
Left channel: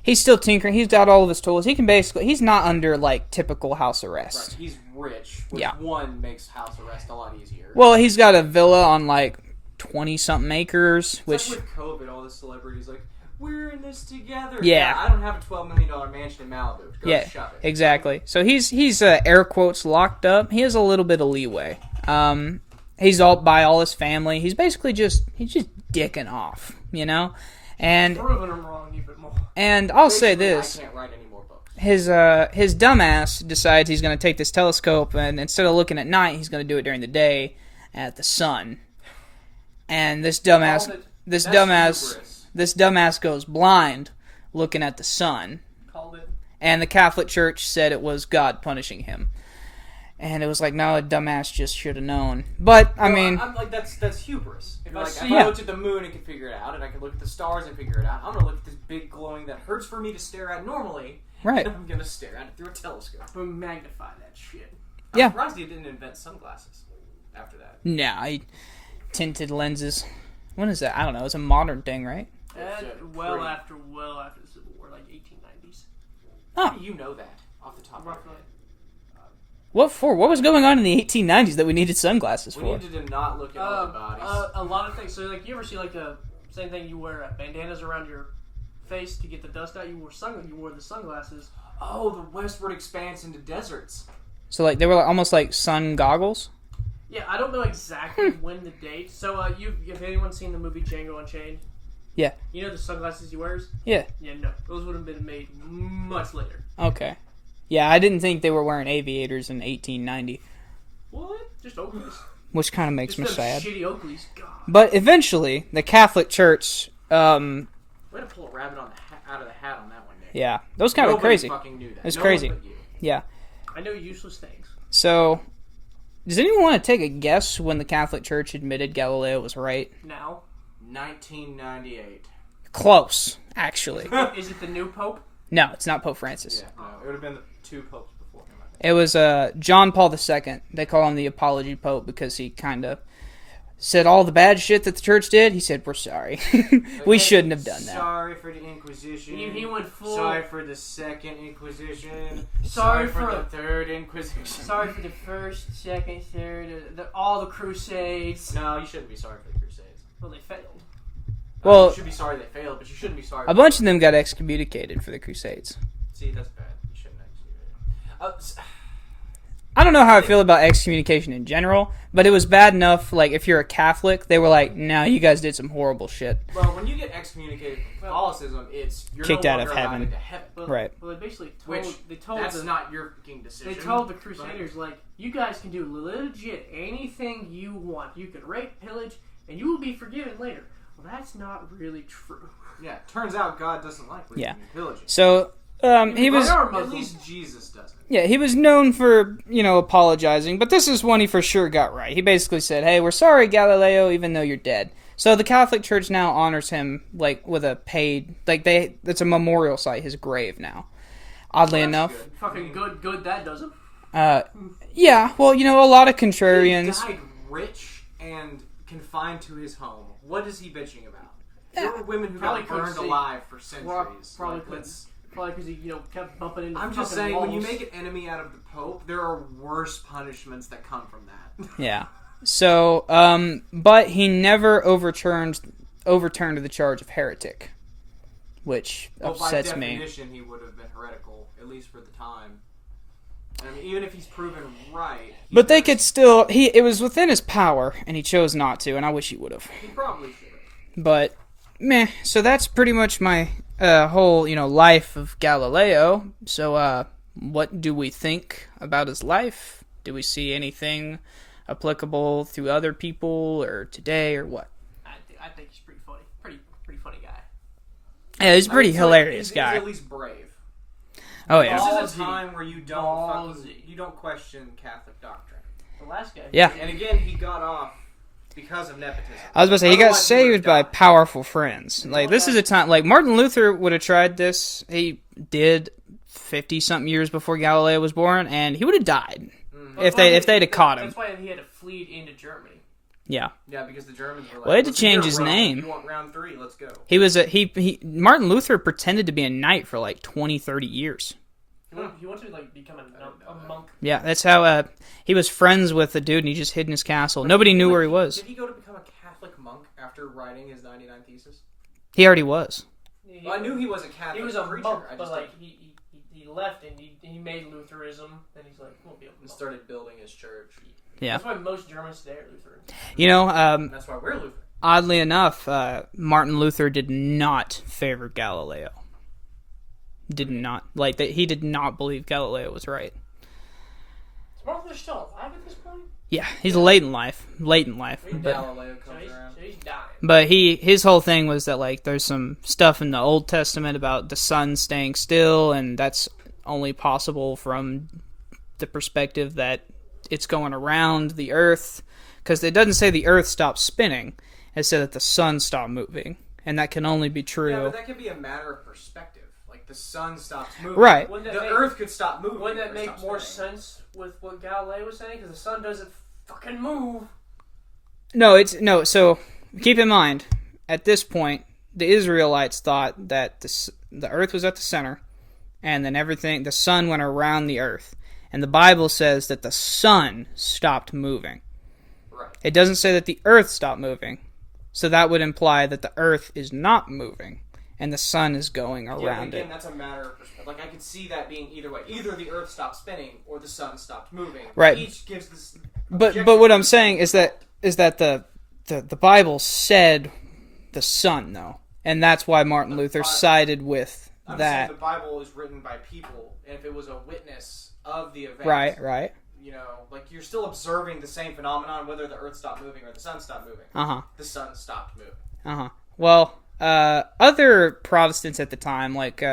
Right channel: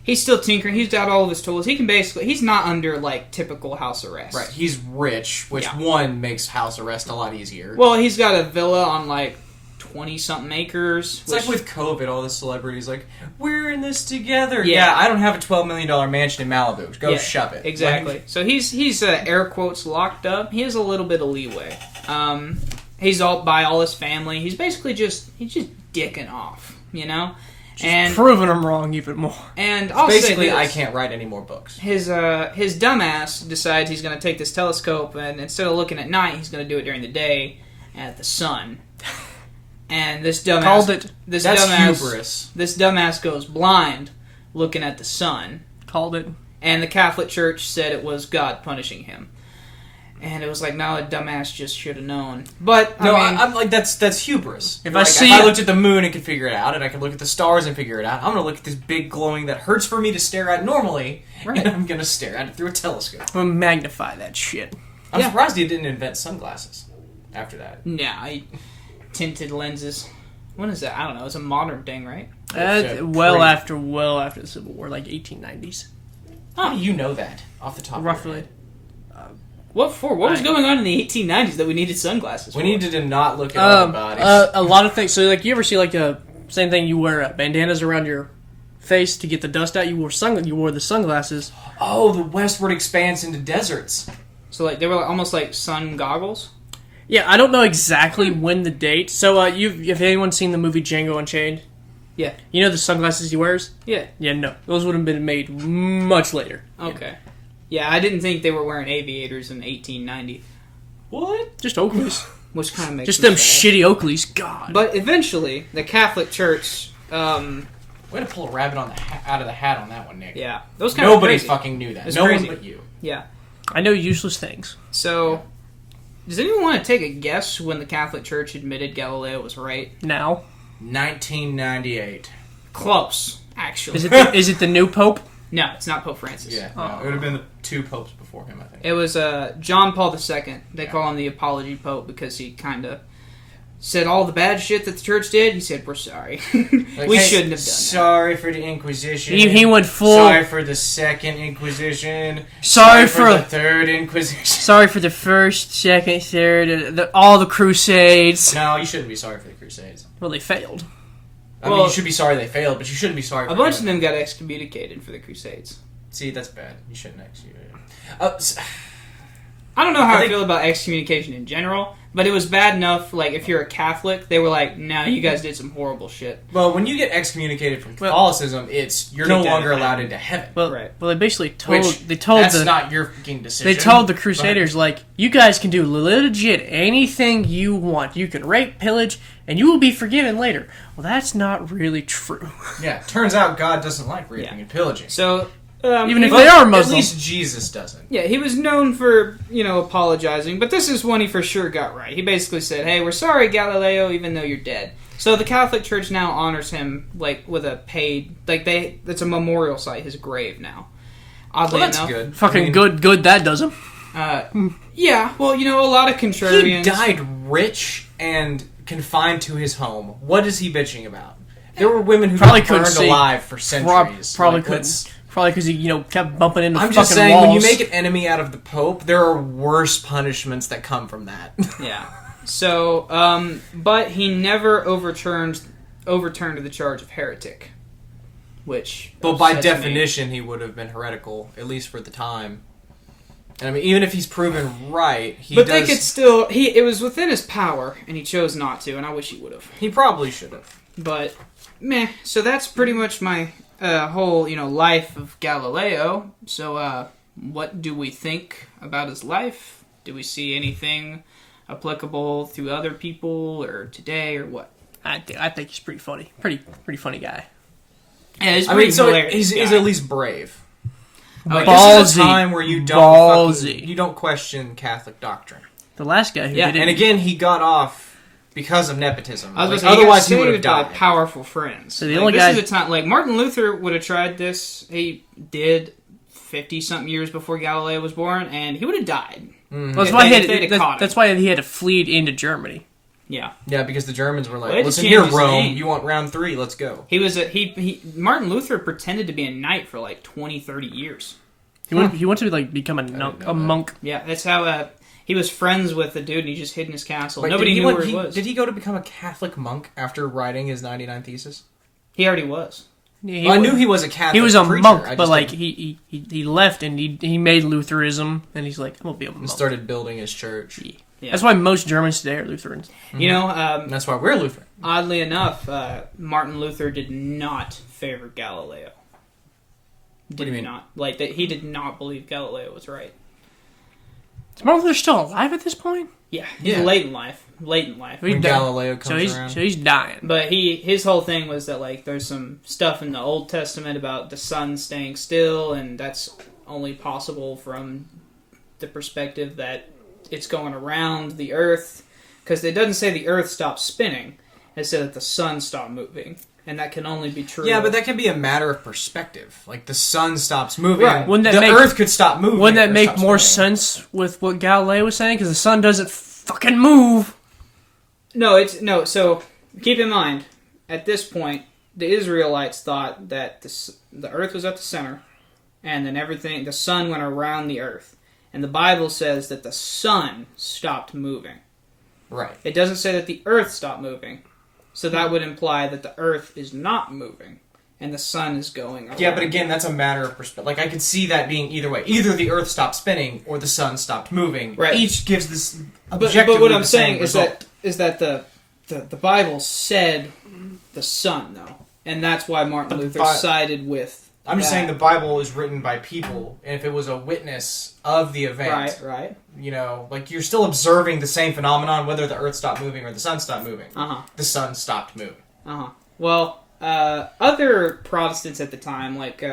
he's still tinkering. He's got all of his tools. He's not under like typical house arrest. Right, he's rich, which one makes house arrest a lot easier. Well, he's got a villa on like 20-something acres. It's like with COVID, all the celebrities like, we're in this together. Yeah. I don't have a $12 million mansion in Malibu. Go shove it. Exactly. Like, So he's air quotes locked up. He has a little bit of leeway. He's all by all his family. He's basically just dicking off, and Proving them wrong even more. and I'll basically, say this. I can't write any more books. His dumbass decides he's going to take this telescope, and instead of looking at night, he's going to do it during the day at the sun. And this dumbass Called it. This That's dumbass hubris. This dumbass goes blind looking at the sun. Called it. And the Catholic Church said it was God punishing him. And it was like, no, a dumbass just should have known. But I'm like, that's hubris. If Like, I see if I it- looked at the moon and could figure it out, and I could look at the stars and figure it out, I'm gonna look at this big glowing that hurts for me to stare at normally, Right. and I'm gonna stare at it through a telescope. I'm gonna magnify that shit. I'm Yeah. surprised he didn't invent sunglasses after that. tinted lenses. When is that? I don't know. It's a modern thing, right? Well after the Civil War, like 1890s. How do you know that off the top? Roughly. Of your head? What for? What was going on in the 1890s that we needed sunglasses for? We needed to not look at other bodies. A lot of things. So, like, you ever see like same thing? You wear bandanas around your face to get the dust out. You wore the sunglasses. Oh, the westward expanse into deserts. So like they were almost like sun goggles. Yeah, I don't know exactly when the date. So, have anyone seen the movie Django Unchained? Yeah. You know the sunglasses he wears? Yeah. Yeah, no. Those would have been made much later. Okay. Yeah, I didn't think they were wearing aviators in 1890, What? Just Oakleys. which kind of makes Just me them sad. shitty Oakleys. God. But eventually, the Catholic Church, Way to pull a rabbit out of the hat on that one, Nick. yeah, those kind of Nobody crazy. fucking knew that. It's No crazy. one but you. Yeah. I know useless things. So, does anyone want to take a guess when the Catholic Church admitted Galileo was right? Now. 1998. Close, actually. Is it the new Pope? No, it's not Pope Francis. Yeah, no, it would have been the two popes before him, I think. It was John Paul II. They call him the Apology Pope because he kind of said all the bad shit that the church did. He said, "We're sorry. Like, We hey, shouldn't have done that." Sorry for the Inquisition. He went full. Sorry for the Second Inquisition. Sorry for for the Third Inquisition. Sorry for the first, second, third, all the Crusades. No, you shouldn't be sorry for the Crusades. Well, they failed. I mean, you should be sorry they failed, but you shouldn't be sorry for A bunch of them got excommunicated for the Crusades. See, that's bad. You shouldn't excommunicate. I don't know how I feel about excommunication in general, but it was bad enough, like, if you're a Catholic, they were like, "Nah, you guys did some horrible shit." Well, when you get excommunicated from Catholicism, you're no Kicked out longer of allowed heaven. into heaven. Well, Right. Well, they basically That's not your fucking decision. They told the Crusaders, like, you guys can do legit anything you want. You can rape, pillage, and you will be forgiven later. Well, that's not really true. Yeah, turns out God doesn't like raping Yeah. and pillaging. So, Even if he was- they are At Muslim. least Jesus doesn't. Yeah, he was known for, apologizing, but this is one he for sure got right. He basically said, "Hey, we're sorry, Galileo, even though you're dead." So the Catholic Church now honors him, like, with a paid, it's a memorial site, his grave now. Oddly Well, that's enough. good. Fucking I mean, good that does him. Yeah, well, a lot of He contrarians. died rich and confined to his home. What is he bitching about? There were women who Probably got couldn't burned see. alive for centuries. Probably Like, couldn't. let's- Probably because he, kept bumping into I'm fucking just saying, walls. when you make an enemy out of the Pope, there are worse punishments that come from that. Yeah. So, but he never overturned the charge of heretic, which. But by upsets me. definition, he would have been heretical, at least for the time. And I mean, even if he's proven right, They could still. It was within his power, and he chose not to, and I wish he would have. He probably should have. But, meh. So that's pretty much my whole, life of Galileo. So, what do we think about his life? Do we see anything applicable to other people or today or what? I think he's pretty funny. Pretty funny guy. Yeah, he's pretty hilarious. He's guy. at least brave. Oh, Like, yeah. this is a Ballsy. time where you Ballsy. you don't question Catholic doctrine. The last guy who Yeah, did it. And again, he got off because of nepotism. I was about to say, he got otherwise he would have saved by died. powerful friends. So the Like, only this guy- is a time, like, Martin Luther would have tried this. He did 50-something years before Galileo was born, and he would have died. Well, if that's why they'd have caught him. that's why he had to flee into Germany. Yeah. Yeah, because the Germans were like, Well, they had to listen change here, his Rome, name. you want round 3, let's go. He was Martin Luther pretended to be a knight for like 20, 30 years. He wanted to become a monk. Yeah, that's how he was friends with the dude and he just hid in his castle. Wait, Nobody did knew where he was. Did he go to become a Catholic monk after writing his 99 Thesis? He already was. Yeah, Well, I knew he was a Catholic He was a preacher. monk, I just but like didn't- he left and he made Lutheranism, and he's like, I'm gonna be a monk. and started building his church. Yeah. That's why most Germans today are Lutherans. You know, And that's why we're Lutheran. oddly enough, Martin Luther did not favor Galileo. do you mean? Not. Like, that he did not believe Galileo was right. Is Martin Luther still alive at this point? Yeah, he's Yeah. late in life. Late in life. He When died. Galileo comes So around. he's dying. But his whole thing was that, like, there's some stuff in the Old Testament about the sun staying still, and that's only possible from the perspective that it's going around the Earth, because it doesn't say the Earth stopped spinning. It said that the sun stopped moving, and that can only be true. Yeah, but that can be a matter of perspective. Like, the sun stops moving. Right. Wouldn't that the make- Earth could stop moving. Wouldn't that or make stop more spinning. sense with what Galileo was saying? Because the sun doesn't fucking move. No. So keep in mind, at this point, the Israelites thought that the Earth was at the center, and then the sun went around the Earth, and the Bible says that the sun stopped moving. Right. It doesn't say that the Earth stopped moving, so that would imply that the Earth is not moving, and the sun is going around. Yeah, but again, that's a matter of perspective. Like, I could see that being either way. Either the Earth stopped spinning, or the sun stopped moving. Right. Each gives this But objectively what I'm the same saying is result. that the Bible said the sun, though, and that's why Martin But the Luther Bi- sided with. I'm just that. saying the Bible is written by people, and if it was a witness of the event, Right. you know, like, you're still observing the same phenomenon, whether the Earth stopped moving or the sun stopped moving. The sun stopped moving. Well, other Protestants at the time, like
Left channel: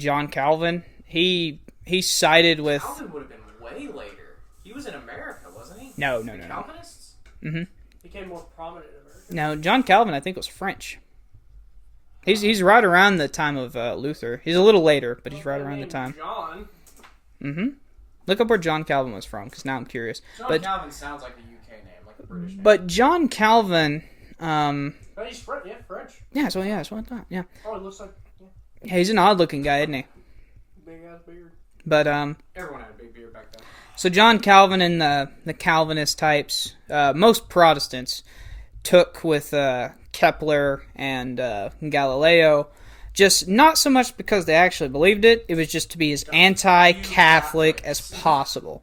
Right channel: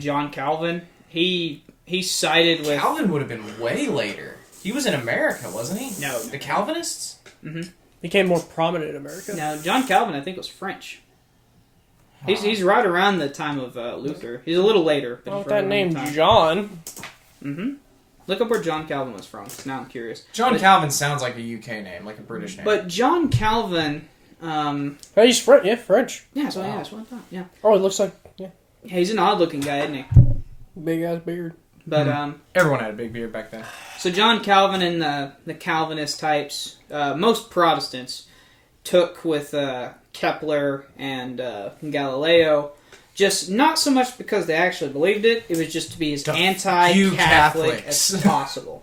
John Calvin, he sided with. Calvin would have been way later. He was in America, wasn't he? No. The Calvinists? Became more prominent in America. Now, John Calvin, I think, was French. He's right around the time of Luther. He's a little later, but Well, he's with right that around name the time. John. Mm-hmm. Look up where John Calvin was from, because now I'm curious. John Calvin sounds like a UK name, like a British name. But John Calvin... he's French. Yeah, French. Yeah, so yeah, that's what I thought. Yeah. Oh, it looks like Yeah, he's an odd-looking guy, isn't he? big ass beard. But everyone had a big beard back then. so John Calvin and the Calvinist types, most Protestants took with Kepler and Galileo, just not so much because they actually believed it. It was just to be as anti-Catholic as possible.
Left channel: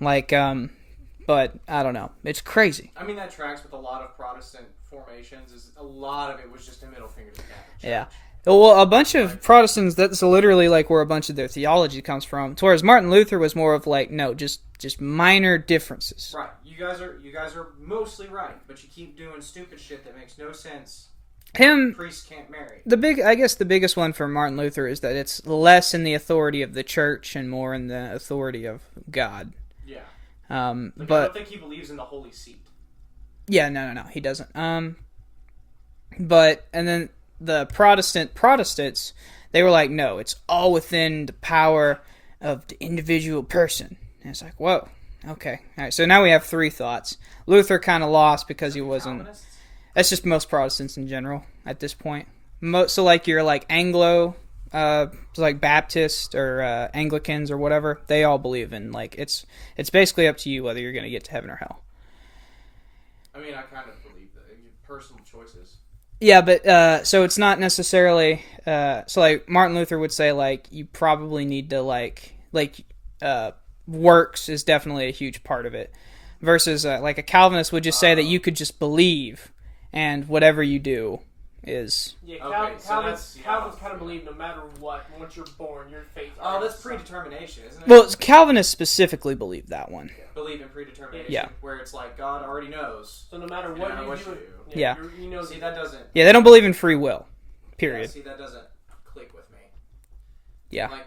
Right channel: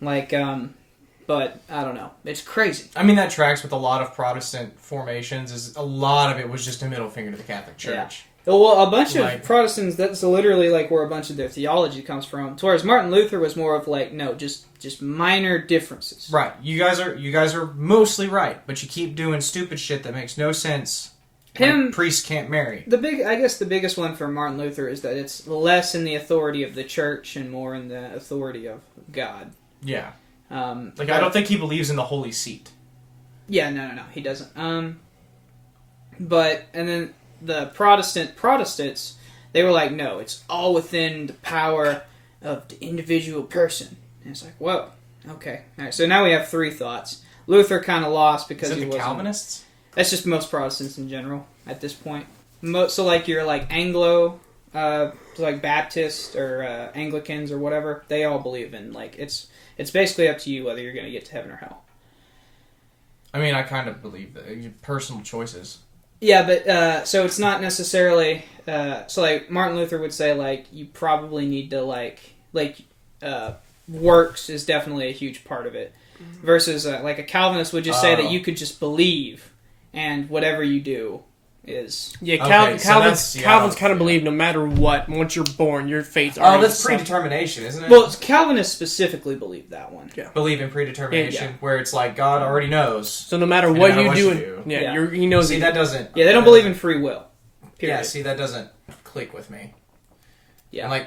Like, but I don't know. It's crazy. I mean, that tracks with a lot of Protestant formations. Is a lot of it was just a middle finger to the Catholic Church. Yeah. Well, a bunch of Protestants, that's literally like where a bunch of their theology comes from. Whereas Martin Luther was more of like, no, just minor differences. Right. You guys are mostly right, but you keep doing stupid shit that makes no sense. Priests can't marry. I guess the biggest one for Martin Luther is that it's less in the authority of the church and more in the authority of God. Yeah. I don't think he believes in the Holy Seat. Yeah, no, he doesn't. And then the Protestants, they were like, no, it's all within the power of the individual person. And it's like, whoa, okay. All right, so now we have three thoughts. Luther kind of lost because he wasn't... Calvinists? That's just most Protestants in general at this point. So like your like Anglo, like Baptist or Anglicans or whatever, they all believe in like it's basically up to you whether you're going to get to heaven or hell. I mean, I kind of believe that personal choices. Yeah, but so it's not necessarily so like Martin Luther would say like you probably need to like works is definitely a huge part of it versus like a Calvinist would just say that you could just believe and whatever you do is Calvin's kind of believe no matter what, once you're born, your fate's already that's predetermination, isn't it? Well, Calvinists specifically believe that one. Yeah. Believe in predetermination, where it's like God already knows. So no matter what you do, he knows. See, that doesn't. Yeah, they don't believe in free will. Period. Yeah, see, that doesn't click with me. Yeah, and like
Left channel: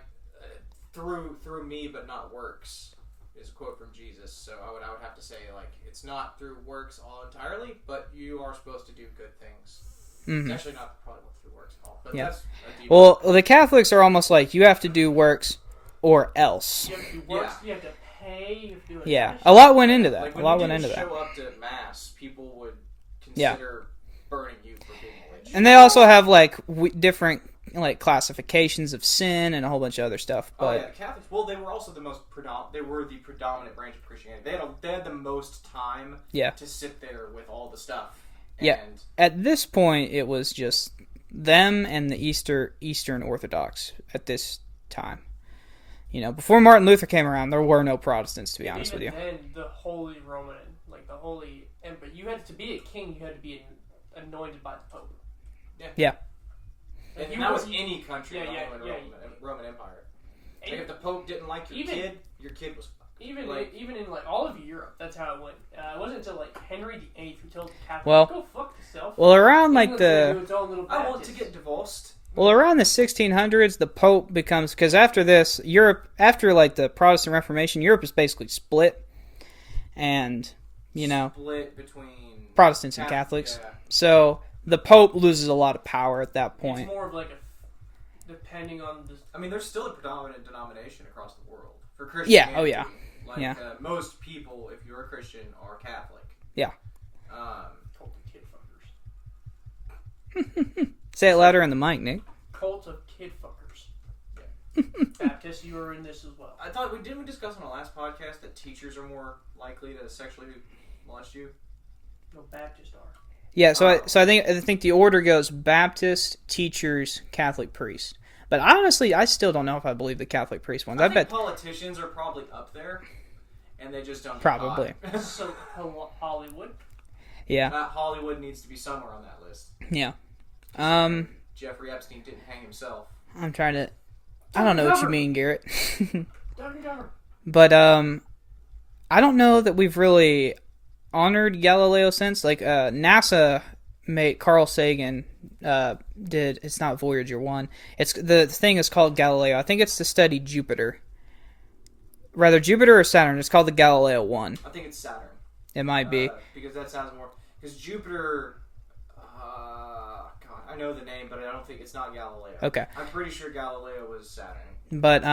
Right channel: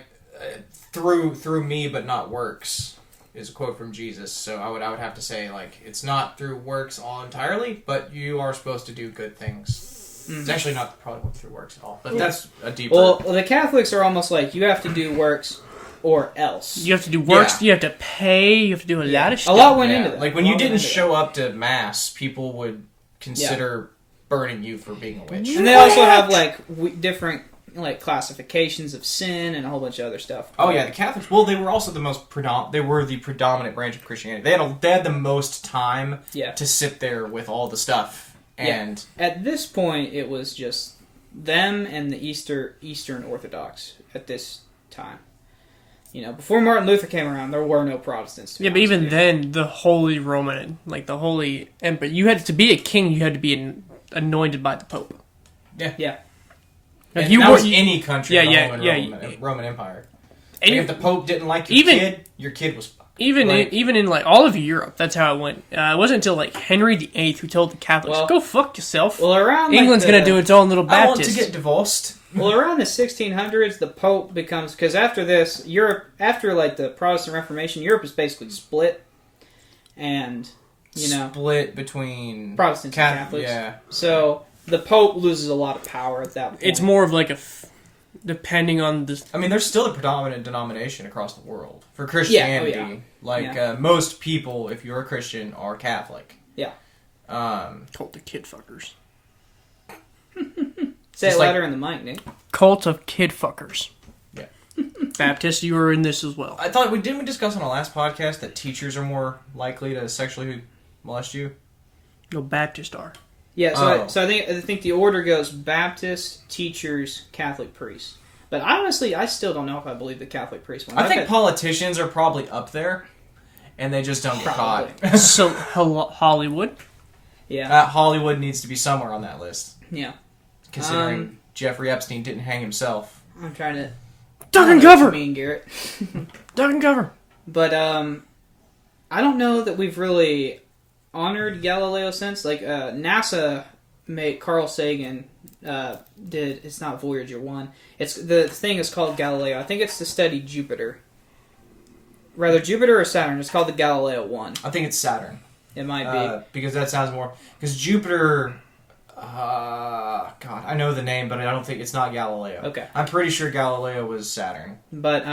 through me, but not works. Is a quote from Jesus, so I would have to say like it's not through works all entirely, but you are supposed to do good things. Mm-hmm. It's actually not probably through works at all, but that's a deeper. Well, the Catholics are almost like you have to do works or else. You have to do works. Yeah. You have to pay. You have to do a lot of shit. A lot went into that. Like when you didn't show up to mass, people would consider burning you for being a witch. And they also have like different like classifications of sin and a whole bunch of other stuff. Oh yeah, the Catholics. Well, they were also the most They were the predominant branch of Christianity. They had the most time to sit there with all the stuff. And at this point, it was just them and the Eastern Orthodox at this time. You know, before Martin Luther came around, there were no Protestants. But even then, the Holy Roman, like the Holy Emperor, you had to be a king. You had to be anointed by the Pope. Yeah. Like that was any country in the Roman Empire. And if the Pope didn't like your kid was fucked. Even in like all of Europe, that's how it went. It wasn't until like Henry VIII who told the Catholics, "Go fuck yourself." Well, around England's gonna do its own little Baptist. I want to get divorced. Well, around the 1600s, the Pope becomes because after this, Europe, after like the Protestant Reformation, Europe is basically split, and split between Protestants and Catholics. Yeah. So the Pope loses a lot of power at that point. It's more of like depending on the... I mean, there's still a predominant denomination across the world for Christianity. Yeah. Most people, if you're a Christian, are Catholic. Yeah. Cult of kid fuckers. Say it louder in the mic, Nick. Cult of kid fuckers. Yeah. Baptist, you were in this as well. I thought didn't we discuss on the last podcast that teachers are more likely to sexually molest you? No, Baptists are. Yeah, so I think the order goes Baptist, teachers, Catholic priests. But honestly, I still don't know if I believe the Catholic priest one. I think politicians are probably up there, and they just don't get caught. So Hollywood? Yeah. Hollywood needs to be somewhere on that list. Yeah. Considering Jeffrey Epstein didn't hang himself. I'm trying to... Duck and cover! What you mean, Garrett. Duck and cover. But, I don't know that we've really honored Galileo since. Like, NASA Carl Sagan did... It's not Voyager 1. The thing is called Galileo. I think it's to study Jupiter. Rather, Jupiter or Saturn. It's called the Galileo 1. I think it's Saturn. It might be. Because that sounds more... Because Jupiter... God, I know the name, but I don't think it's not Galileo. Okay. I'm pretty sure Galileo was Saturn. But,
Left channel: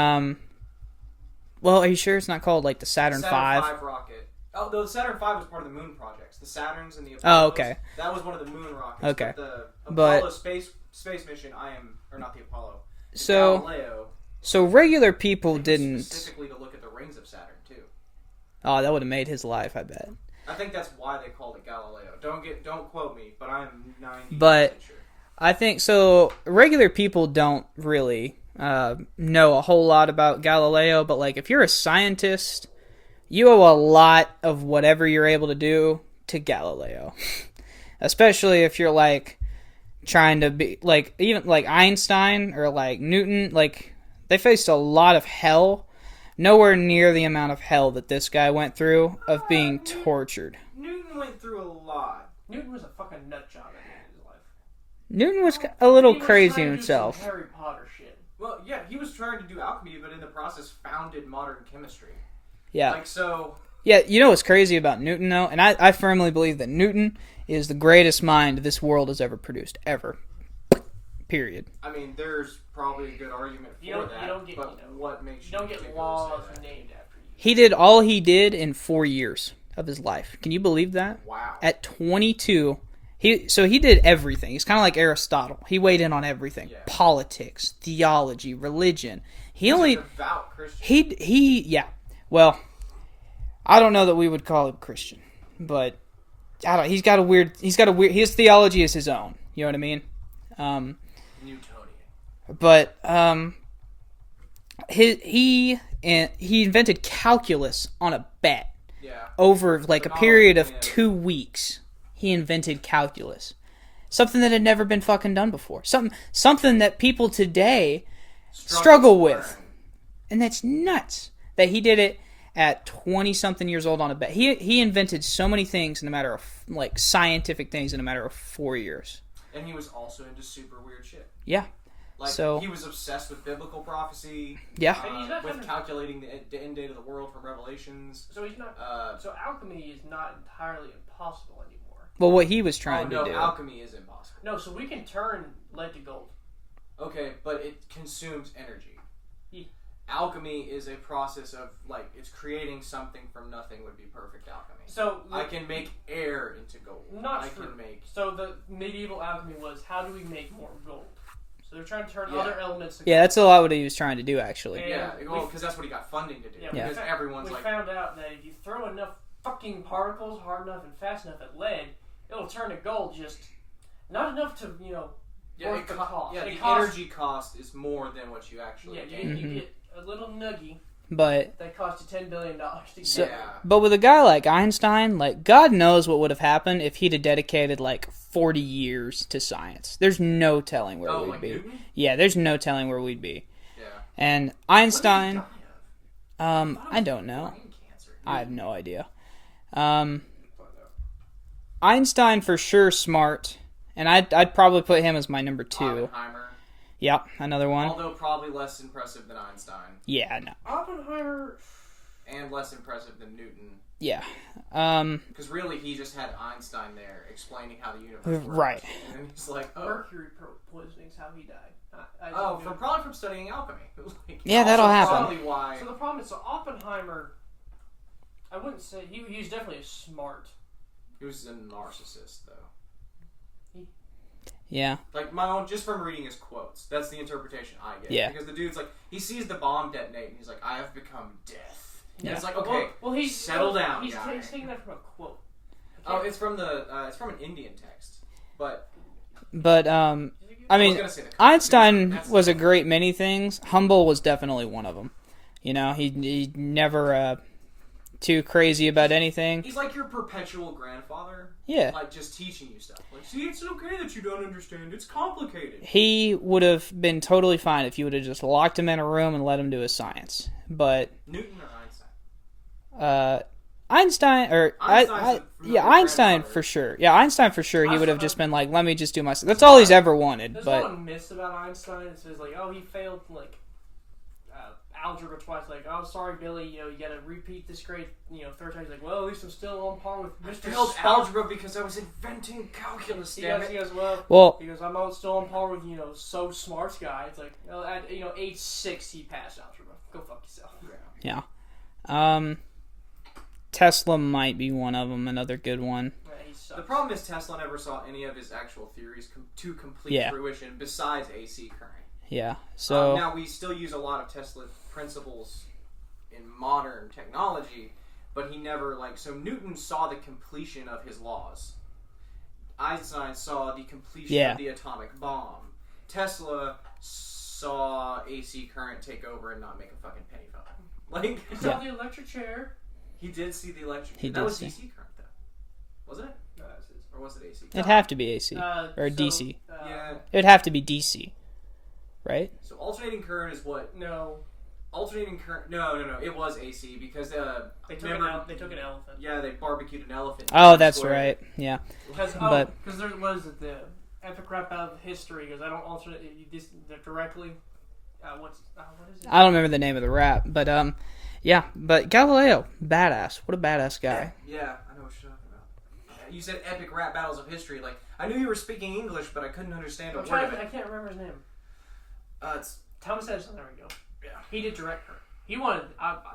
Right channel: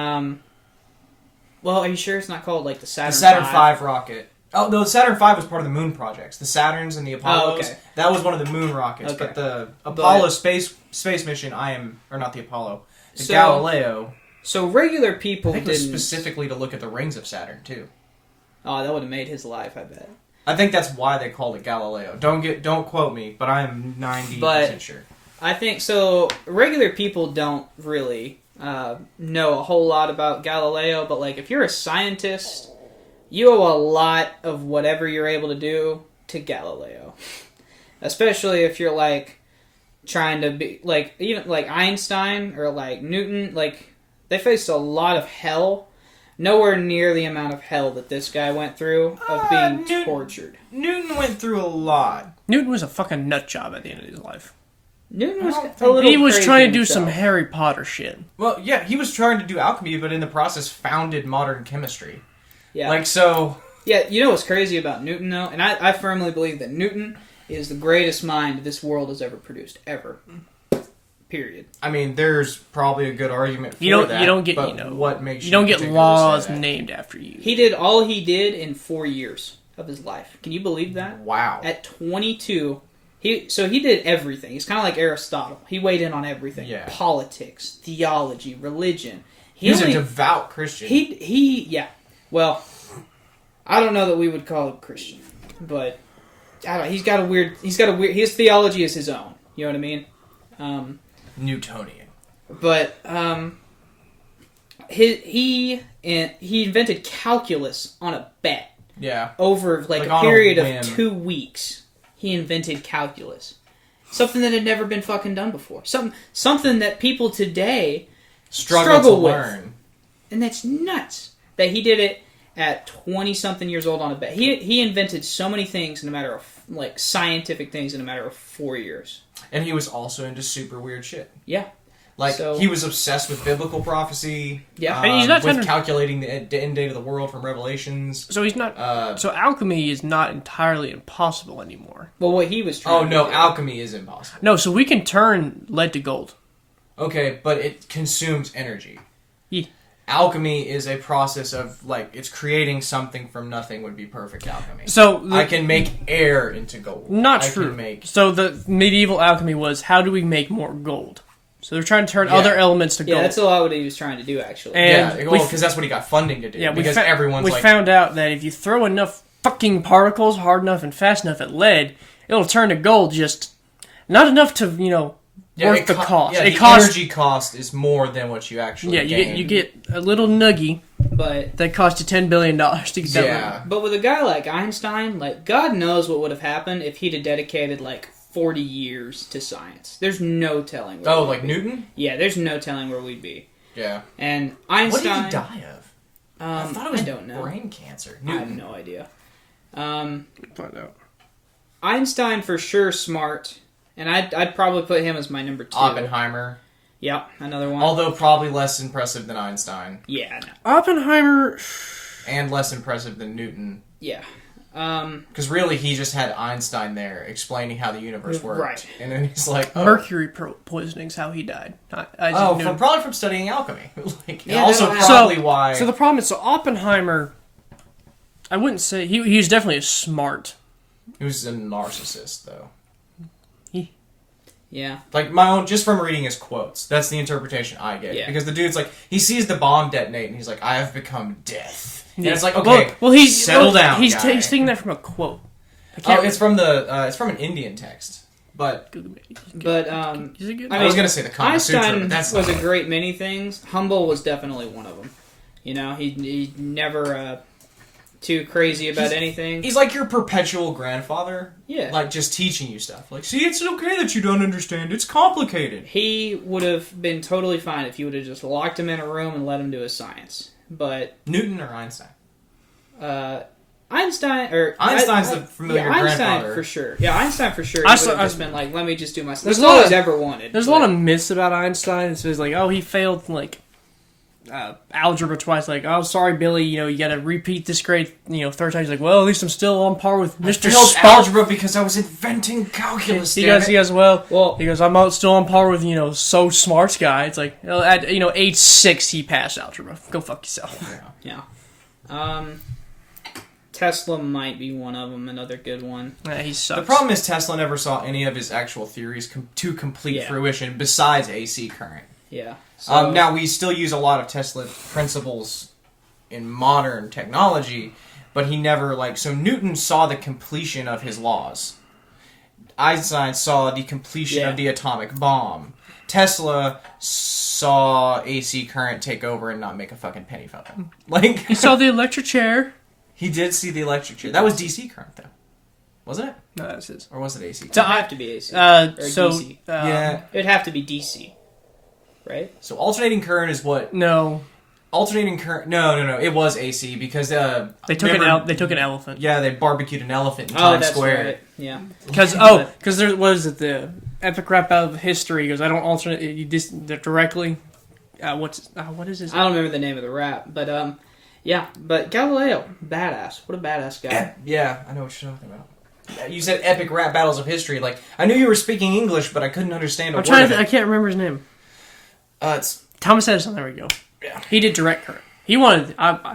Well, are you sure it's not called like the Saturn? The Saturn V rocket. Oh, no, the Saturn V was part of the moon projects. The Saturns and the Apollos. Oh, okay. That was one of the moon rockets. Okay. But the Apollo space mission, or not the Apollo, the So- Galileo. So regular people I think it was didn't. specifically to look at the rings of Saturn too. Oh, that would have made his life, I bet. I think that's why they called it Galileo. Don't quote me, but I am 90% sure. I think so. Regular people don't really know a whole lot about Galileo, but like if you're a scientist, you owe a lot of whatever you're able to do to Galileo. Especially if you're like trying to be like even like Einstein or like Newton, like they faced a lot of hell. Nowhere near the amount of hell that this guy went through of being tortured. Newton went through a lot. Newton was a fucking nut job at the end of his life. Newton was a little He was crazy trying to do himself. some Harry Potter shit. Well, yeah, he was trying to do alchemy, but in the process founded modern chemistry. Yeah. Like, so... Yeah, you know what's crazy about Newton, though? And I firmly believe that Newton is the greatest mind this world has ever produced. Ever. Period. I mean, there's probably a good argument for that. You don't get, but what makes you don't get particularly laws say that? named after you. He did all he did in 4 years of his life. Can you believe that? Wow. At 22, he did everything. He's kind of like Aristotle. He weighed in on everything. Yeah. Politics, theology, religion. He's a devout Christian. Yeah. Well, I don't know that we would call him Christian, but I don't. His theology is his own. You know what I mean? Newtonian. But he invented calculus on a bet. Yeah. Over like a on period a of whim. 2 weeks. He invented calculus. Something that had never been fucking done before. Something that people today struggle with. Learn. And that's nuts. That he did it at 20-something years old on a bet. He invented so many things in a matter of, like, scientific things in a matter of 4 years. And he was also into super weird shit. Yeah. Like, So- he was obsessed with biblical prophecy. Yeah. And he's not with trying to- calculating the end date of the world from Revelations. So he's not. So alchemy is not entirely impossible anymore. Well, what he was trying Oh, to no, do... alchemy is impossible. No, so we can turn lead to gold. Okay, but it consumes energy. Yeah. Alchemy is a process of, like, it's creating something from nothing would be perfect alchemy. So I can make air into gold. Not I true. Can make... So the medieval alchemy was, how do we make more gold? So they're trying to turn Yeah. other elements to Yeah, gold. that's a lot what he was trying to do, actually. And Yeah, we because that's what he got funding to do. Yeah, because everyone's we like... found out that if you throw enough fucking particles hard enough and fast enough at lead, it'll turn to gold. Just not enough to worth the cost. Yeah, it the costs. energy cost is more than what you actually Yeah, gain. you get a little nuggie But that cost you $10 billion to get that. Yeah. But with a guy like Einstein, like, God knows what would have happened if he'd have dedicated, like, 40 years to science. There's no telling where Oh, we'd like be. Newton? Yeah, there's no telling where we'd be. Yeah. And What Einstein... did he die of? I thought it was don't know. brain cancer. I have Newton. no idea. Find out. Einstein for sure smart, and I'd probably put him as my number 2. Oppenheimer. Yep, another one. Although probably less impressive than Einstein. Yeah, no. Oppenheimer. And less impressive than Newton. Yeah. Because really, he just had Einstein there explaining how the universe worked. Right. And then he's like, oh. Mercury poisoning's how he died. Not Isaac Oh, Newton. probably from studying alchemy. Like, Yeah, also that'll happen. probably why... So the problem is, Oppenheimer, I wouldn't say he was definitely a smart. He was a narcissist, though. Yeah. Like, my own, just from reading his quotes, that's the interpretation I get. Yeah. Because the dude's like, he sees the bomb detonate, and he's like, I have become death. Yeah. And it's like, okay, settle down, He's guy. taking that from a quote. Oh, it's from an Indian text. But But, Is it good? I was going to say the Kama Sutra, Einstein but that's was not a great many things. Humble was definitely one of them. You know, he never too crazy about anything. He's like your perpetual grandfather. Yeah. Like, just teaching you stuff. Like, see, it's okay that you don't understand. It's complicated. He would have been totally fine if you would have just locked him in a room and let him do his science. But Newton or Einstein? Einstein's the familiar Einstein grandfather. for sure. Yeah, Einstein for sure. He would have just been like, let me just do my stuff. There's That's a lot all he's of- ever wanted. There's a lot of myths about Einstein. It's like, oh, he failed like algebra twice. Like, oh, sorry, Billy, you got to repeat this grade, third time. He's like, well, at least I'm still on par with Mr. Spark. algebra because I was inventing calculus. He goes, I'm still on par with, so smart guy. It's like, at, age 6, he passed algebra. Go fuck yourself. Yeah. Tesla might be one of them, another good one. He sucks. The problem is Tesla never saw any of his actual theories to complete fruition besides AC current. Yeah. So, now, we still use a lot of Tesla principles in modern technology, but he never, so Newton saw the completion of his laws. Einstein saw the completion of the atomic bomb. Tesla saw AC current take over and not make a fucking penny from it. He saw the electric chair. He did see the electric chair. That was DC current, though. Wasn't it? No, that's his. Or was it AC? It would have to be AC. Or DC. Yeah. It'd have to be DC. Right? So alternating current is what? No. Alternating current... No. It was AC because... They took an elephant. Yeah, they barbecued an elephant in Times Square. Right. Yeah. Because there was the epic rap out of history. He goes, I don't alternate... You just directly... what is his... I don't remember the name of the rap, but... Yeah, but Galileo, badass. What a badass guy. Yeah, I know what you're talking about. You said epic rap battles of history. I knew you were speaking English, but I couldn't understand a word of it. I can't remember his name. It's Thomas Edison. There we go. Yeah. He did direct current. He wanted.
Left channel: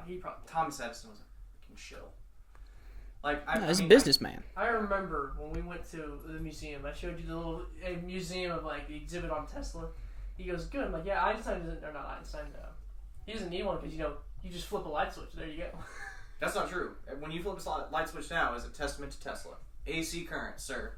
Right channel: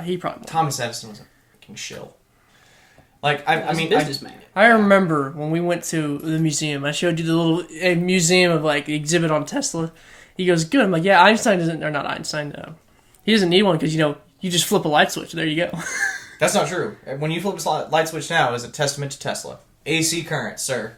He probably wanted. Thomas Edison was a fucking shill. Businessman. I remember when we went to the museum. I showed you the little museum of exhibit on Tesla. He goes, good. I'm like, yeah, Einstein doesn't, or not Einstein. He doesn't need one because you just flip a light switch. There you go. That's not true. When you flip a light switch now, it's a testament to Tesla. AC current, sir.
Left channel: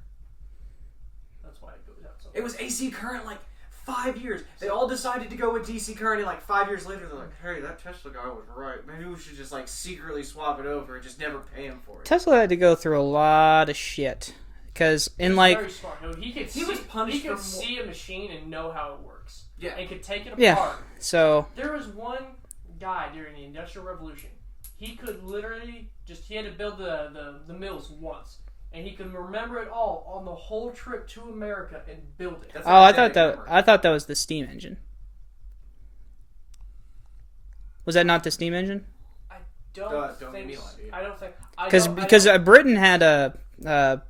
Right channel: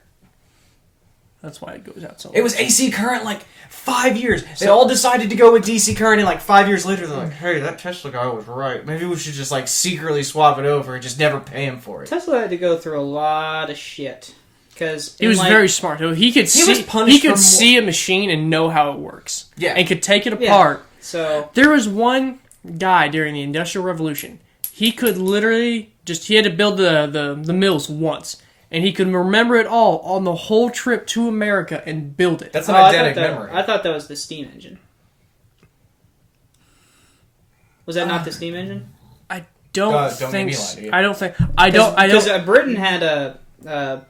That's why it goes out so much. It was AC current 5 years. They all decided to go with DC current, and 5 years later, they're like, hey, that Tesla guy was right. Maybe we should just secretly swap it over and just never pay him for it. Tesla had to go through a lot of shit. Because he was very smart. He could see a machine and know how it works. Yeah. And could take it apart. Yeah. So there was one guy during the Industrial Revolution. He could literally he had to build the mills once. And he could remember it all on the whole trip to America and build it. That's an eidetic memory. I thought that was the steam engine. Was that not the steam engine? I don't think. Because Britain had a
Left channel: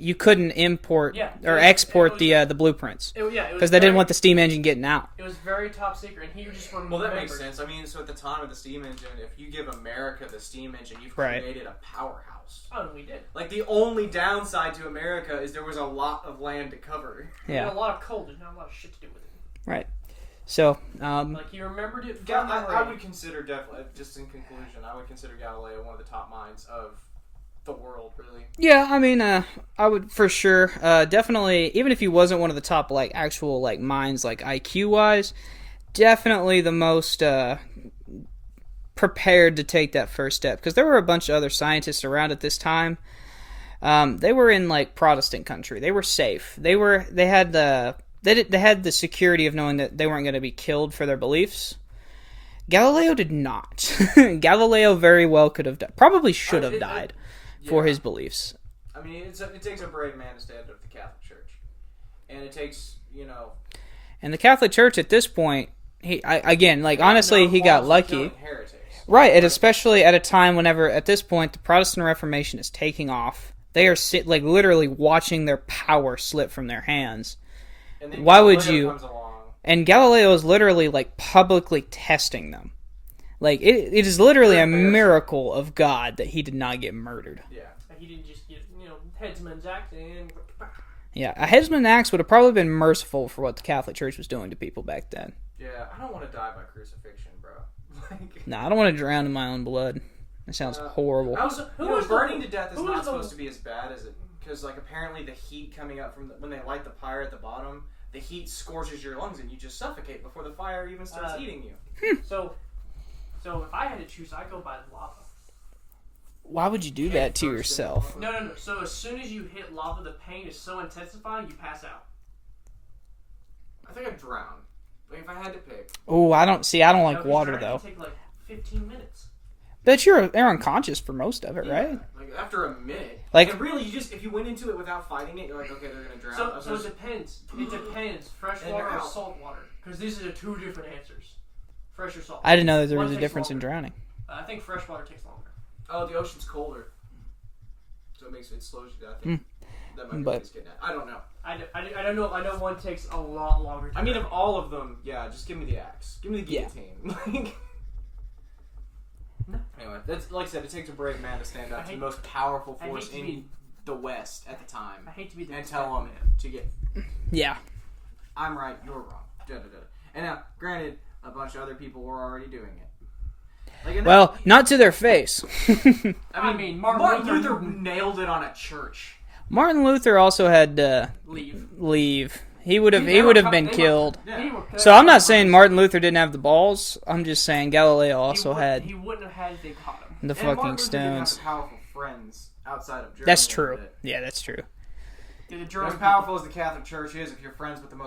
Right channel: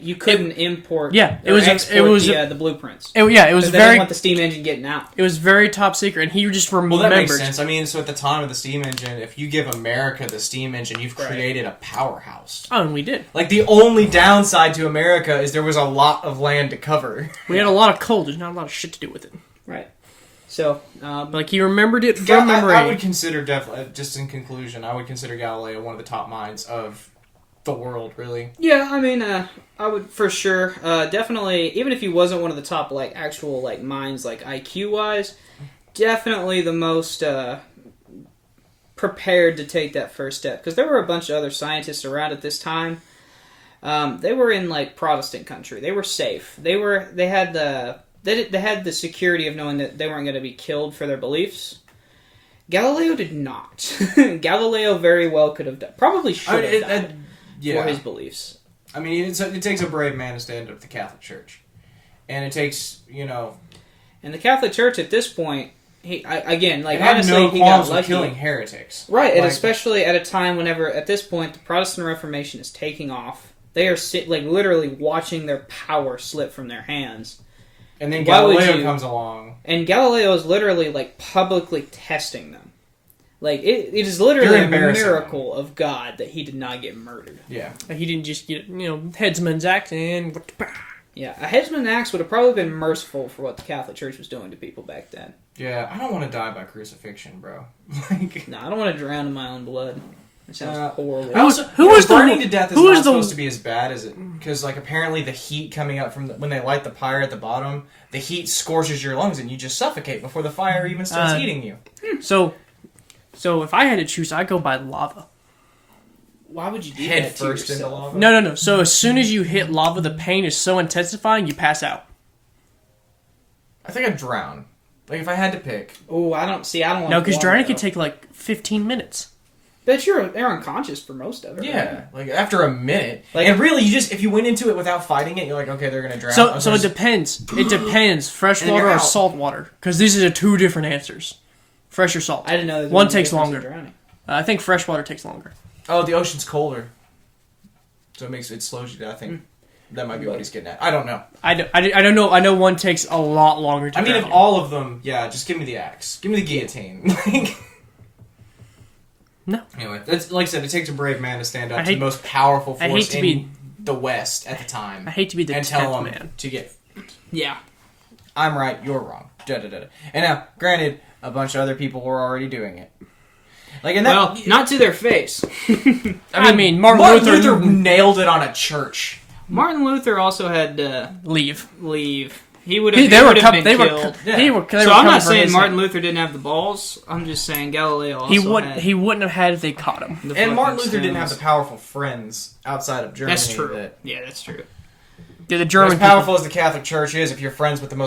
you couldn't import export the blueprints. It was they very. Didn't want the steam engine getting out. It was very top secret, and he just remembered. Well, that makes sense. So at the time of the steam engine, if you give America the steam engine, you've created a powerhouse. Oh, and we did. The only downside to America is there was a lot of land to cover. We had a lot of coal. There's not a lot of shit to do with it. Right. So, he remembered it from memory. I would consider definitely, just in conclusion, I would consider Galileo one of the top minds of the world, really. Yeah, I would for sure, definitely, even if he wasn't one of the top, actual, minds, IQ-wise, definitely the most, prepared to take that first step. Because there were a bunch of other scientists around at this time. They were in, Protestant country. They were safe. They had the security of knowing that they weren't going to be killed for their beliefs. Galileo did not. Galileo very well could have died. Probably should have died. For his beliefs. It takes a brave man to stand up to the Catholic Church. And it takes, And the Catholic Church at this point, he got lucky. Killing heretics. Right, and especially at a time whenever, at this point, the Protestant Reformation is taking off. They are, literally watching their power slip from their hands. And then Galileo comes along. And Galileo is literally, publicly testing them. It is literally a miracle of God that he did not get murdered. Yeah. He didn't just get, headsman's axe and... Yeah, a headsman's axe would have probably been merciful for what the Catholic Church was doing to people back then. Yeah, I don't want to die by crucifixion, bro. No, I don't want to drown in my own blood. That sounds horrible. Burning to death is not supposed to be as bad as it... Because, apparently the heat coming up from... when they light the pyre at the bottom, the heat scorches your lungs and you just suffocate before the fire even starts eating you. So if I had to choose, I'd go by lava. Why would you do Head that to first yourself? No. So as soon as you hit lava, the pain is so intensifying, you pass out. I think I'd drown. If I had to pick. Oh, I don't want No, because drowning can take 15 minutes. But you're unconscious for most of it, yeah, right? After a minute. And really, if you went into it without fighting it, you're okay, they're going to drown. So it depends. It depends. Freshwater or salt water. Because these are the two different answers. Fresh or salt? I didn't know there was One a takes difference in longer. drowning. I think freshwater takes longer. Oh, the ocean's colder, so it slows you down. I think that might be what he's getting at. I don't know. I don't know. I know one takes a lot longer to I mean, drown if you. all of them, yeah, just give me the axe. Give me the guillotine. No. Anyway, that's, like I said, it takes a brave man to stand up to the hate- most powerful I hate force to in be- the West at the time. I hate to be the and tell 10th them man. to get, Yeah. I'm right, you're wrong. Da-da-da-da. And now, granted, a bunch of other people were already doing it. Like, and that, Well, not to their face. I mean, Martin Luther nailed it on a church. Martin Luther also had to leave. leave. He would They have were been killed. So So I'm not saying Martin Luther didn't have the balls. I'm just saying Galileo also had. He wouldn't have had if they caught him. the And Martin fucking Luther didn't have stones. the powerful friends outside of Germany. That's true. Yeah, that's true. Yeah, the As German powerful as the Catholic Church is, if you're friends with the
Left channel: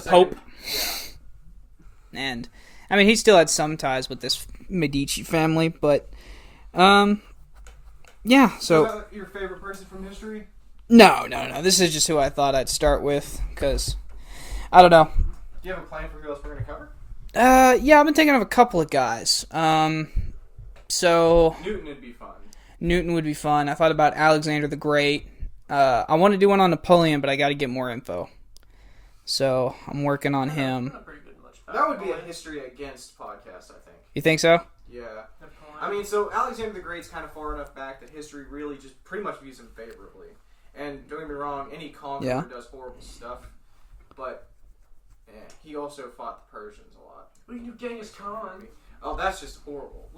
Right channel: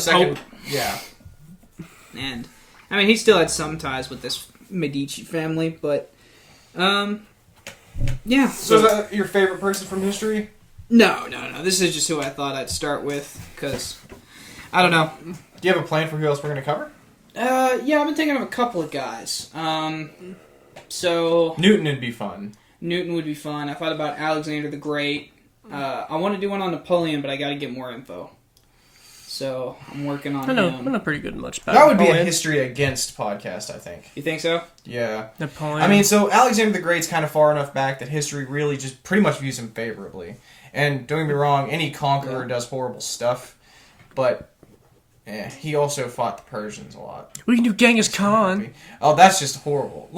second, Pope. Yeah. And I mean, he still had some ties with this Medici family, but yeah. So is that your favorite person from history? No. This is just who I thought I'd start with because I don't know. Do you have a plan for who else we're going to cover? Yeah, I've been thinking of a couple of guys. So Newton would be fun. Newton would be fun. I thought about Alexander the Great. I want to do one on Napoleon, but I got to get more info. So I'm working on I him. know pretty good much about That would be a Napoleon. history against podcast, I think. You think so? Yeah. Napoleon. I mean, so Alexander the Great's kind of far enough back that history really just pretty much views him favorably. And don't get me wrong, any conqueror does horrible stuff, but he also fought the Persians a lot. we can do Genghis Khan. Oh, that's just horrible.